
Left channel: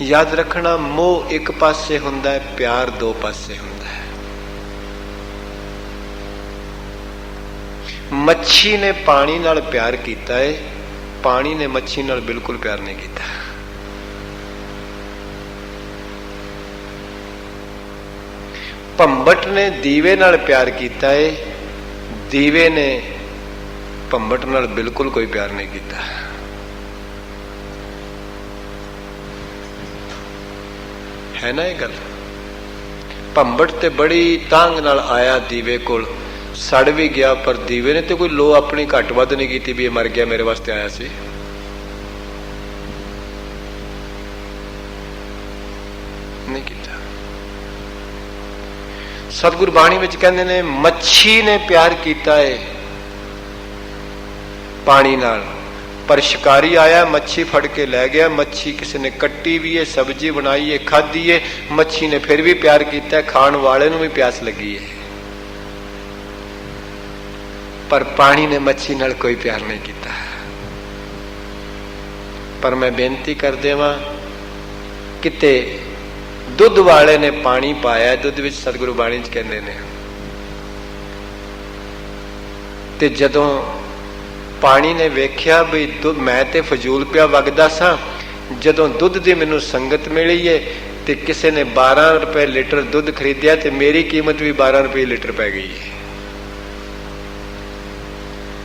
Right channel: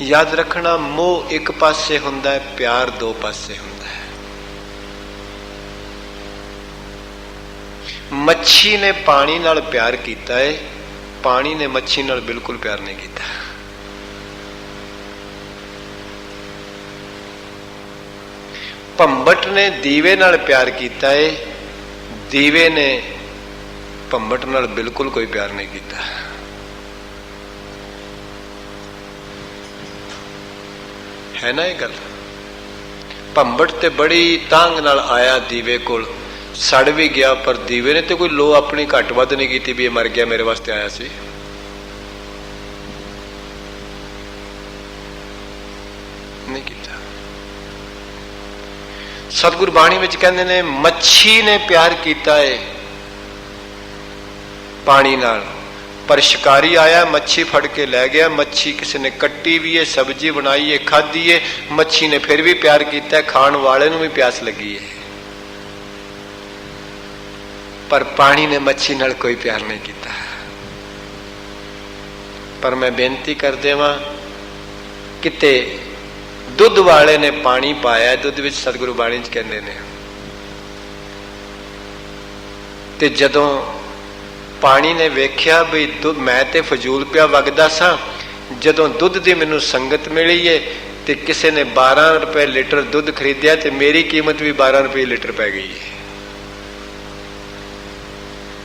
ਯਾਦ ਰੱਖਣਾ, ਮੋਹ ਇੱਕ ਪਾਸੇ ਹੁੰਦਾ ਹੈ, ਪਿਆਰ ਦੋ ਪਾਸੇ ਹੁੰਦਾ ਹੈ। ਮੱਛੀ ਨੇ ਪਾਣੀ ਨਾਲ ਪਿਆਰ ਕੀਤਾ ਹੈ, ਪਾਣੀ ਨੇ ਮੱਛੀ ਨਾਲ ਬਿਲਕੁਲ ਪਿਆਰ ਨਹੀਂ ਕੀਤਾ। ਭੰਬਟ ਨੇ ਦੀਵੇ ਨਾਲ ਪਿਆਰ ਕੀਤਾ ਹੈ, ਦੀਵੇ ਨੇ ਭੰਬਟ ਨਾਲ ਬਿਲਕੁਲ ਕੋਈ ਪਿਆਰ ਨਹੀਂ ਕੀਤਾ। ਹੈ ਨਾ ਇਹ ਗੱਲ? ਭੰਬਟ ਤੇ ਬੜੀ ਤਾਂਗ ਨਾਲ ਆਇਆ ਦੀਵੇ ਕੋਲ, ਸੜ ਵੀ ਗਿਆ, ਪਰ ਦੀਵੇ ਨੇ ਤੇ ਕੋਈ ਲੋ ਆਪਣੀ ਘੱਟ ਵੱਧ ਨਹੀਂ ਕੀਤੀ ਵੀ ਇਹ ਮਰ ਗਿਆ, ਮੇਰੇ ਵਾਸਤੇ ਆਇਆ ਸੀ। ਨਹੀਂ ਕੀਤਾ। ਸਤਿਗੁਰ ਬਾਣੀ ਵਿੱਚ ਕਹਿੰਦੇ ਨੇ, ਮੱਛੀ ਨੇ ਪਿਆਰ ਕੀਤਾ ਹੈ ਪਾਣੀ ਨਾਲ, ਪਰ ਸ਼ਿਕਾਰੀ ਆਇਆ, ਮੱਛੀ ਫੜ ਕੇ ਲੈ ਗਿਆ। ਮੱਛੀ ਕਿਸੇ ਨੇ ਕੱਟੀ ਵੀ ਹੈ, ਸਬਜ਼ੀ ਬਣਾਈ ਹੈ, ਖਾਧੀ ਹੈ, ਮੱਛੀ ਨੇ ਫਿਰ ਵੀ ਪਿਆਰ ਕੀਤਾ, ਖਾਣ ਵਾਲੇ ਨੂੰ ਵੀ ਪਿਆਸ ਲੱਗੀ ਹੈ। ਪਰ ਪਾਣੀ ਨੇ ਮੱਛੀ ਨਾਲ ਕੋਈ ਪਿਆਰ ਨਹੀਂ ਕੀਤਾ। पर मैं बेनती कर देवां, किते दुध वाले ने पानी पाया, दुध विच सतगुरु बाणी च कहंदे ने, ते जदों पानी ने वेख्या भी मैं ते फजूल पिया वगदा सा, जदों दुध दी मैनूं संगत मिली है ते किसी ने 12 रुपए लीटर दुध खरीदिया ते मेरी कीमत भी 12 रुपए लीटर पै गई।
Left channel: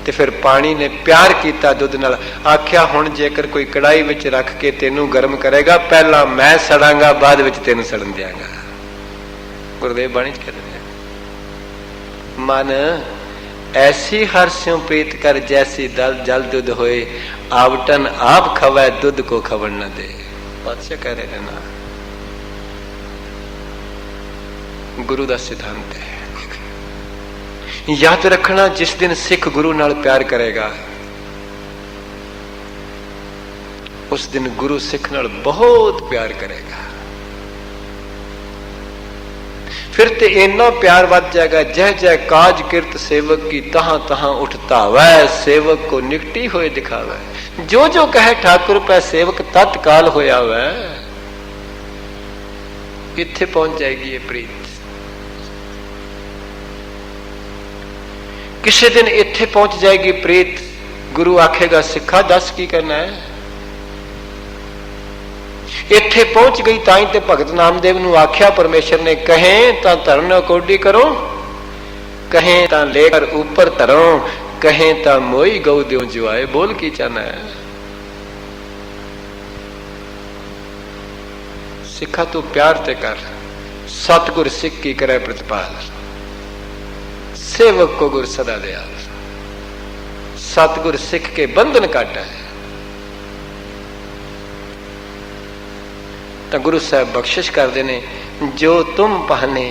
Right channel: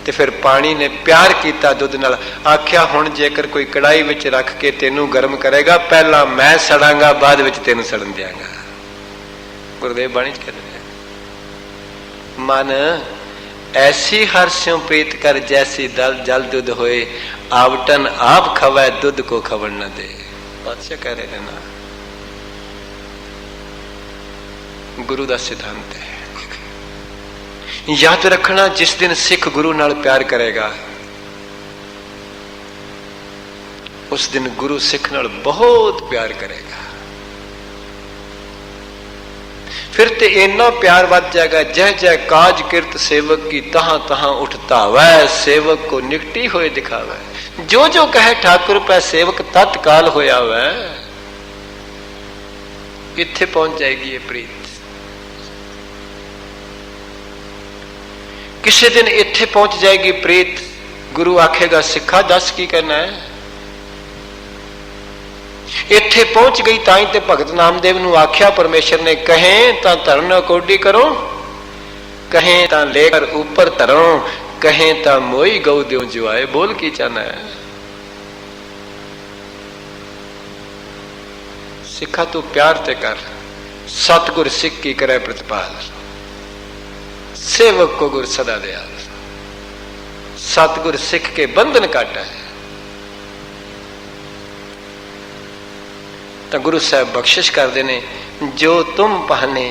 ते फिर पानी ने प्यार किया दुध नाल, आख्या हुण जेकर कोई कढ़ाई विच रख के तेनू गर्म करेगा, पहला मैं सड़ांगा, बाद विच तेनू सड़न दियांगा। गुरुदेव बाणी च कहते हैं, मन ऐसी हर्ष्यों प्रीत कर जैसी दल जल दुध होए, आवटन आप खवै दुध को खवन न दे। बादशाह कह रहे ना, गुरु का सिद्धांत है। याद रखना, जिस दिन सिख गुरु नाल प्यार करेगा, उस दिन गुरु सिख नाल बहुत प्यार करेगा। फिर ते इन्ना प्यार बढ़ जाएगा, जय जय काज किरत सेवक की, तहां तहां उठतावै, सेवक को निकटी होए दिखावै। जो जो कहे ठाकुर पै सेवक, तत्काल होया वै। किथे पहुंच जाएगी ये प्रीत? किसी दिन इत्थे पहुंच जाएगी प्रीत, गुरु आखेगा सिखा दस की करना है। इत्थे पहुंच गई ताई ते भगत नामदेव नूं आख्या परमेश्वर ने, कहें तां धरन कोडी करो, कहें तां लेकर ऊपर धरो, कहें तां मोई गऊ द्यों जो आए। बोल की चाहना है? सिखा तू प्यार ते कर, सतगुर सिख की करे प्रतिपाल, सेवक को गुर सदा दया। सतगुर सिख के बंधन काटा है। तो गुरु साहब बख्शिश करते ने, जो तुम पहने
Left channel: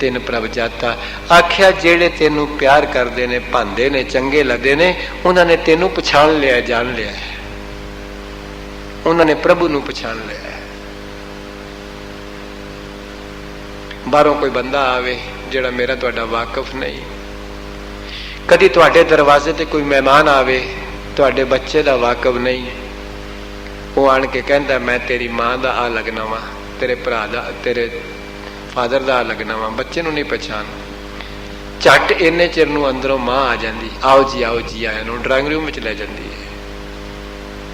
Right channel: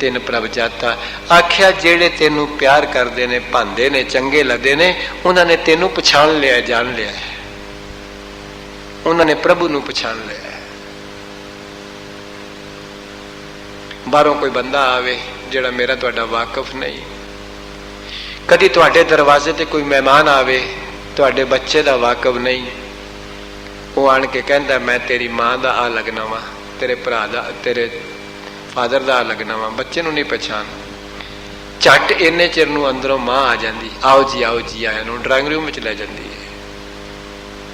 तिन प्रभ जाता। आख्या जेड़े तेनू प्यार करते ने, भांदे ने, चंगे लगते ने, उन्होंने तेनू पछाण लिया, जान लिया, उन्होंने प्रभु नू पछाण लिया। बाहरों कोई बंदा आवे जेड़ा मेरा तुहाडा वाकफ नहीं, कदी तुहाडे दरवाजे ते कोई मेहमान आवे, तुहाडे बच्चे दा वाकफ नहीं, वो आन के कहंदा मैं तेरी मां दा आ लगना वा, तेरे भरा दा, तेरे फादर दा आ लगना वा, बच्चे नू नहीं पहचान, झट इन्ने चिर नू अंदरों मां आ जांदी, आओ जी आया नू ड्राइंग रूम विच ले जांदी है।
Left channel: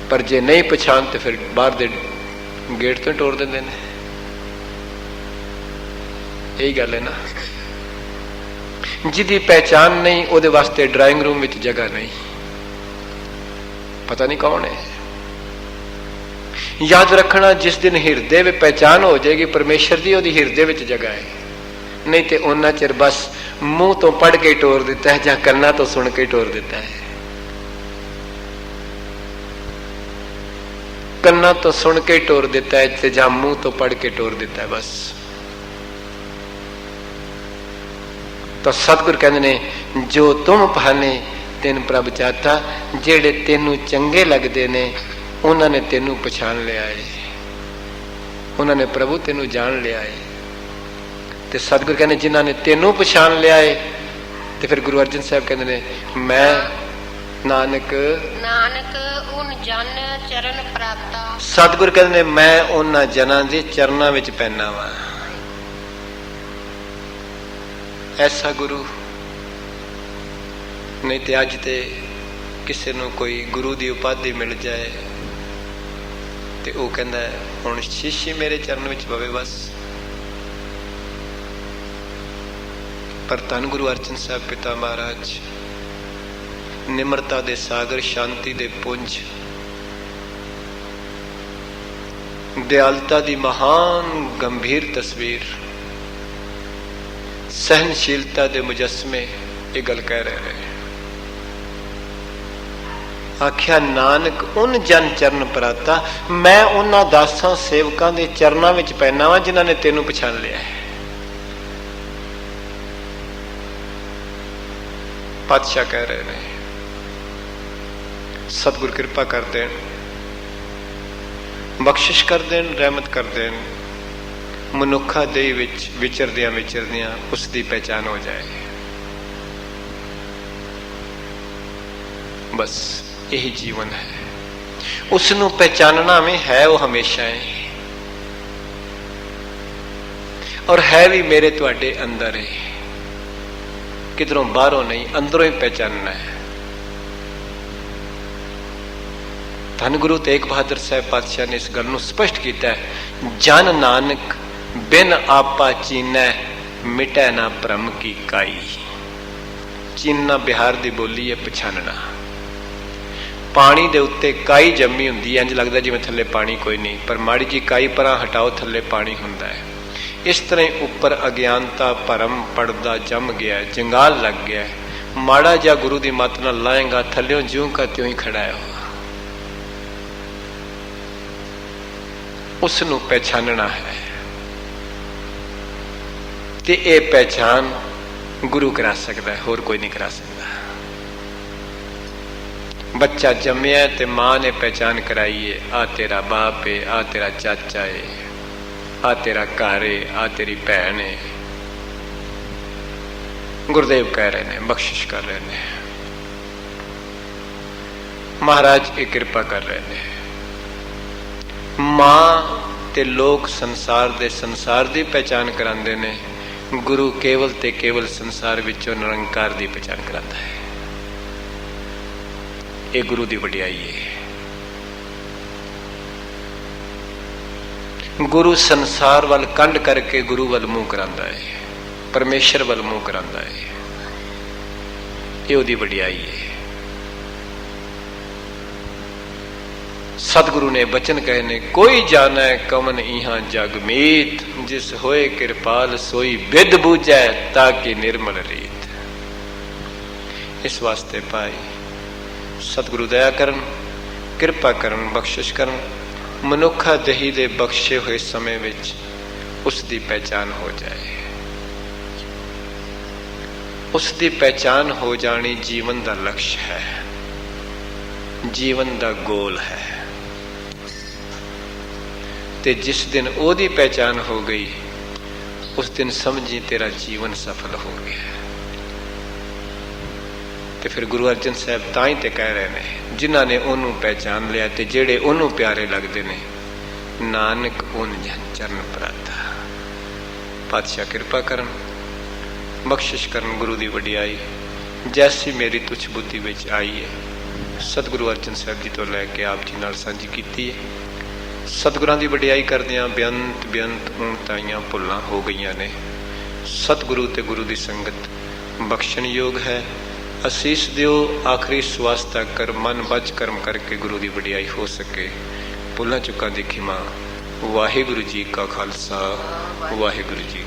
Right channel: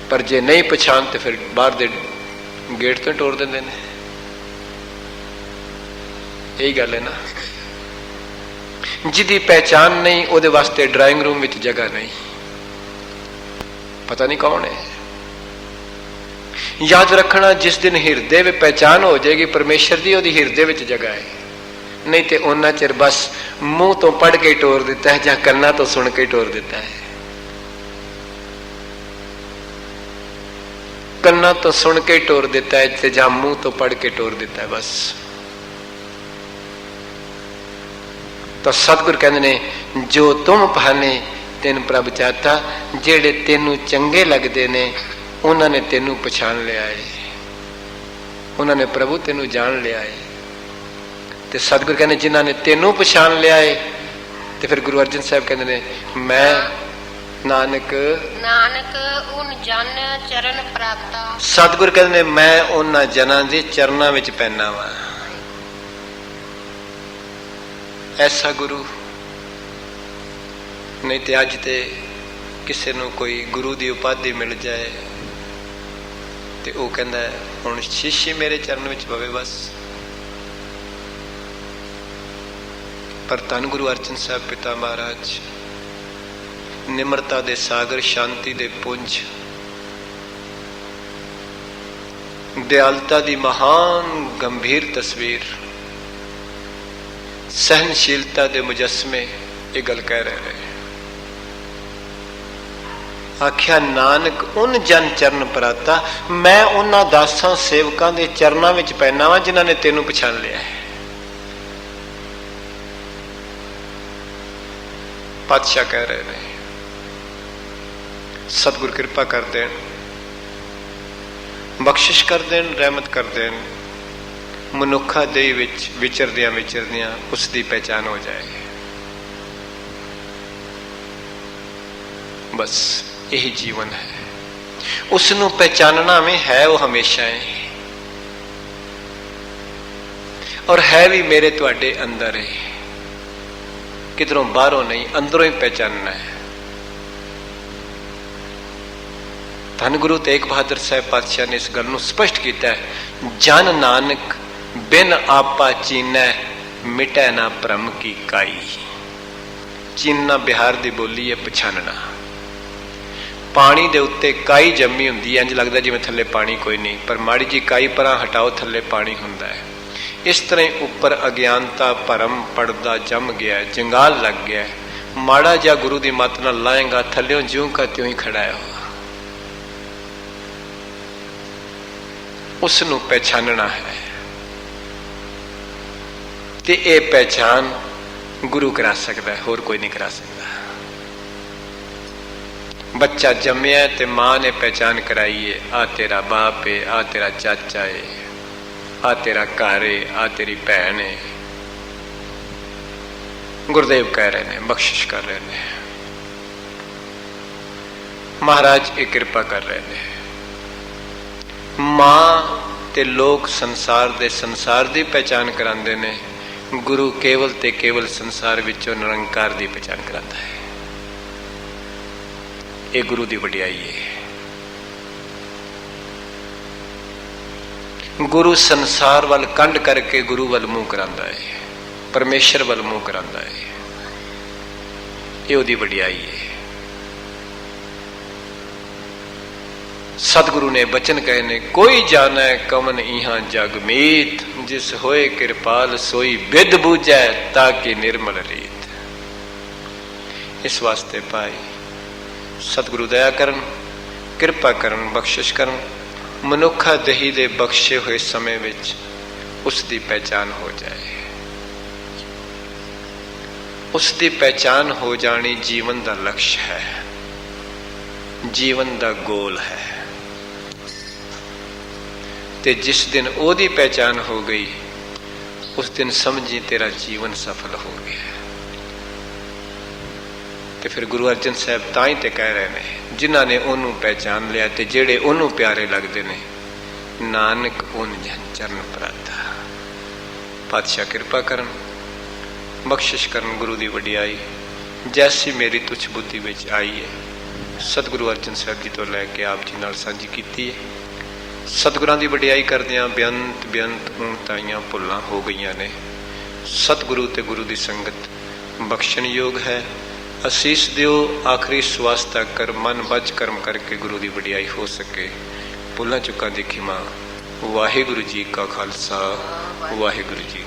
पर जे नहीं पहचान तो फिर बाहर दे गेट तो टोर दिंदे ने। यही गल है ना, जिदी पहचान नहीं उहदे वास्ते ड्राइंग रूम विच जगह नहीं। पता नहीं कौन है। याद रखना, जिस दिन हिरदे में पहचान हो जाएगी परमेश्वर की, उहदी हिरदे विच जगह है। नहीं तो उन्ना चिर बस मुंह तो पढ़ के टोर दिता है, या कन्ना तो सुन के टोर दिता है। कन्ना तो सुन के टोर दिता है, या मुंह तो पढ़ के टोर दिता है बस। तो सतगुर कहते ने, जो तुम पहने तिन प्रभ चाहता। जेड़े तेनू चंगे लगते ने, उन्होंने तेनू पछाण लिया है, उन्होंने प्रभु तेनू जान लिया है। ते सतगुर कहने, जिन्होंने तेनू पछाण लिया है, तो फिर गुरु अर्जन साहब कहते ने, मैं नानक उन जन चरण प्राप्ता। सतगुर कहते, मैं उन्हां जनां दे चरनां विच पैना वा। ऐसा गुरु नहीं तो अज ते किसी नूं कोई गुरु की उपाधि मिल जाए तो वह कहता है हुण शिष्य मेरे चरण विच पवे बस। पर धन गुरु अर्जन साहब पिता महाराज निमरता दे सागर, शांति दे पुंज, दयालता दी महान गंभीर तस्वीर, सहनशीलता दे मुजस्मे ये गल कह रहे हैं। आख्या नानक उन जन चरण पराता, मैं उन्हां दासां सेवकां दे चरनां विच पैना वा जिन्हां ने तेनू पछाण लिया है। पातशाह कह रहे हैं, सतगुर कृपा कर देन, बख्शिश कर देन, रहमत कर देन, मनुखा देह विच विचरदियां विचरदियां उसकी पहचान हो जाए। बस यही जीवन है। ਉਸ ਨੂੰ ਪਹਿਚਾਨਣਾ ਵੀ ਹੈ, ਉਹ ਹਮੇਸ਼ਾ ਹੈ, ਔਰ ਹੈ ਵੀ ਮੇਰੇ ਤੁਹਾਡੇ ਅੰਦਰ ਹੈ, ਕਿਧਰੋਂ ਬਾਹਰੋਂ ਨਹੀਂ, ਅੰਦਰੋਂ ਹੀ ਪਹਿਚਾਨਣਾ ਹੈ। ਧੰਨ ਗੁਰੂ ਤੇਗ ਬਹਾਦਰ ਸਾਹਿਬ ਪਾਤਸ਼ਾਹ ਨੇ ਇਸ ਗੱਲ ਨੂੰ ਸਪਸ਼ਟ ਕੀਤਾ ਹੈ, ਜਨ ਨਾਨਕ ਬਿਨ ਆਪਾ ਚੀਨੈ ਮਿਟੈ ਨਾ ਭਰਮ ਕੀ ਕਾਈ। ਚੀਨਣਾ ਬਿਹਾਰ ਦੀ ਬੋਲੀ ਹੈ, ਪਛਾਨਣਾ। ਪਾਣੀ ਦੇ ਉੱਤੇ ਕਾਈ ਜੰਮੀ ਹੁੰਦੀ ਹੈ, ਇੰਜ ਲੱਗਦਾ ਜਿਵੇਂ ਥੱਲੇ ਪਾਣੀ ਕੋਈ ਨਹੀਂ, ਪਰ ਮਾੜੀ ਜੀ ਕਾਈ ਪਰਾਂ ਹਟਾਓ, ਥੱਲੇ ਪਾਣੀ ਹੁੰਦਾ ਹੈ। ਇਸ ਤਰ੍ਹਾਂ ਹੀ ਉੱਪਰ ਅਗਿਆਨਤਾ ਭਰਮ ਪੜਦਾ ਜੰਮ ਗਿਆ, ਜੰਗਾਲ ਲੱਗ ਗਿਆ। ਮਾੜਾ ਜਿਹਾ ਗੁਰੂ ਦੀ ਮੱਤ ਨਾਲ ਲਾਏਗਾ, ਥੱਲਿਓਂ ਜਿਉਂ ਕਾ ਤਿਉਂ ਹੀ ਖੜਾ ਹੈ। ਉਸ ਨੂੰ ਪਹਿਚਾਨਣਾ ਹੈ, ਤੇ ਇਹ ਪਹਿਚਾਨ ਗੁਰੂ ਕਰਾ ਸਕਦਾ ਹੈ, ਹੋਰ ਕੋਈ ਨਹੀਂ ਕਰਾ ਸਕਦਾ। ਬੱਚਾ ਜੰਮਿਆ ਤੇ ਮਾਂ ਨੇ ਪਹਿਚਾਨ ਕਰਾਈ ਹੈ, ਆ ਤੇਰਾ ਬਾਪ ਹੈ, ਆ ਤੇਰਾ ਚਾਚਾ ਹੈ, ਆ ਤੇਰਾ ਘਰ ਹੈ, ਆ ਤੇਰੀ ਭੈਣ ਹੈ। ਗੁਰਦੇਵ ਕਹਿ ਰਹੇ ਨੇ, ਬਖਸ਼ਿਸ਼ ਕਰ ਰਹੇ ਨੇ, ਮਹਾਰਾਜ ਇਹ ਕਿਰਪਾ ਕਰ ਰਹੇ ਨੇ। ਮਾਂ ਤੇ ਲੋਕ ਸੰਸਾਰ ਦੀ ਪਹਿਚਾਨ ਕਰਾਉਂਦੇ ਨੇ, ਗੁਰੂ ਕੇਵਲ ਤੇ ਕੇਵਲ ਸੰਸਾਰ ਵਿੱਚੋਂ ਨਿਰੰਕਾਰ ਦੀ ਪਹਿਚਾਨ ਕਰਾਉਂਦਾ ਹੈ। ਇਹ ਗੁਰੂ ਦੀ ਵਡਿਆਈ ਹੈ। ਗੁਰੂ ਸੰਸਾਰ ਵੱਲ ਕੰਡ ਕਰਕੇ ਗੁਰੂ ਵੱਲ ਮੂੰਹ ਕਰਾਉਂਦਾ ਹੈ, ਪਰਮੇਸ਼ਰ ਵੱਲ ਮੂੰਹ ਕਰਾਉਂਦਾ ਹੈ। ਇਹ ਉਹਦੀ ਵਡਿਆਈ ਹੈ। ਸਤਿਗੁਰੂ ਨੇ ਬਚਨ ਕਹੇ ਨੇ, ਕੋਈ ਜਾਣੈ ਕਵਨ ਇਹਾਂ ਜਗ ਮੀਤ, ਜਿਸ ਹੋਏ ਕਿਰਪਾਲ ਸੋਈ ਬਿਦ ਬੂਝੈ, ਤਾਕਿ ਨਿਰਮਲ ਰੀਤ। ਇਸ ਵਾਸਤੇ ਭਾਈ ਸਤਿਗੁਰੂ ਦਇਆ ਕਰਨ, ਕਿਰਪਾ ਕਰਨ, ਬਖਸ਼ਿਸ਼ ਕਰਨ, ਮਨੁੱਖਾ ਦਹੀ ਦੇ ਬਖਸ਼ੇ ਹੋਏ ਸਮੇਂ ਵਿੱਚ ਉਸ ਦੀ ਪਹਿਚਾਨ ਹੋ ਜਾਏ। ਉਸ ਦੀ ਪਹਿਚਾਨ ਹੋ ਜਾਣੀ ਜੀਵਨ ਦਾ ਲਕਸ਼ ਹੈ, ਜੀਵਨ ਦਾ ਗੋਲ ਹੈ। ਤੇ ਜਿਸ ਦਿਨ ਉਹਦੀ ਪਹਿਚਾਨ ਹੋ ਗਈ, ਉਸ ਦਿਨ ਸਮਝੀ ਤੇਰਾ ਜੀਵਨ ਸਫਲ ਹੋ ਗਿਆ। ਤੇ ਫਿਰ ਗੁਰੂ ਅਰਜਨ ਸਾਹਿਬ ਤਾਂ ਹੀ ਤੇ ਕਹਿ ਰਹੇ ਨੇ, ਜਿਨ੍ਹਾਂ ਨੇ ਉਹਨੂੰ ਪਹਿਚਾਨ ਲਿਆ ਤੇ ਜਿਹੜੇ ਉਹਨੂੰ ਪਿਆਰੇ ਲੱਗਦੇ ਨੇ, ਨਾਨਕ ਉਹਨ ਚਰਨ ਪ੍ਰਾਤਾ। ਪਾਤਸ਼ਾਹ ਕਿਰਪਾ ਕਰਨ, ਬਖਸ਼ਿਸ਼ ਕਰਨ, ਗੁਰੂ ਦੀ ਵਡਿਆਈ ਜੈਸੀ ਮੇਰੀ ਤੁਛ ਬੁੱਧੀ ਵਿੱਚ ਆਈ ਹੈ, ਸਤਿਗੁਰੂ ਅਰਜਨ ਸਾਹਿਬ ਜੀ ਤੋਂ ਲੈ ਕੇ ਆਪ ਜੀ ਨਾਲ ਸਾਂਝੀ ਕੀਤੀ ਹੈ। ਸਤਿਗੁਰਾਂ ਦੀ ਵਡਿਆਈ ਕਰਦਿਆਂ ਬੇਅੰਤ ਊਣਤਾਈਆਂ ਭੁੱਲਾਂ ਹੋ ਗਈਆਂ ਨੇ। ਸਤਿਗੁਰੂ ਤੇ ਗੁਰੂ ਦੀ ਸੰਗਤ ਬਖਸ਼ਣਯੋਗ ਹੈ। ਅਸੀਸ ਦਿਓ, ਆਖਰੀ ਸਵਾਸ ਤੱਕ ਕਰ ਮਨ ਬਚ ਕਰਮ ਕਰਕੇ ਗੁਰੂ ਦੀ ਵਡਿਆਈ ਹੋ ਸਕੇ। ਭੁੱਲਾਂ ਚੁੱਕਾਂ ਦੀ ਖਿਮਾ। ਵਾਹਿਗੁਰੂ ਜੀ ਕਾ ਖਾਲਸਾ, ਵਾਹਿਗੁਰੂ ਜੀ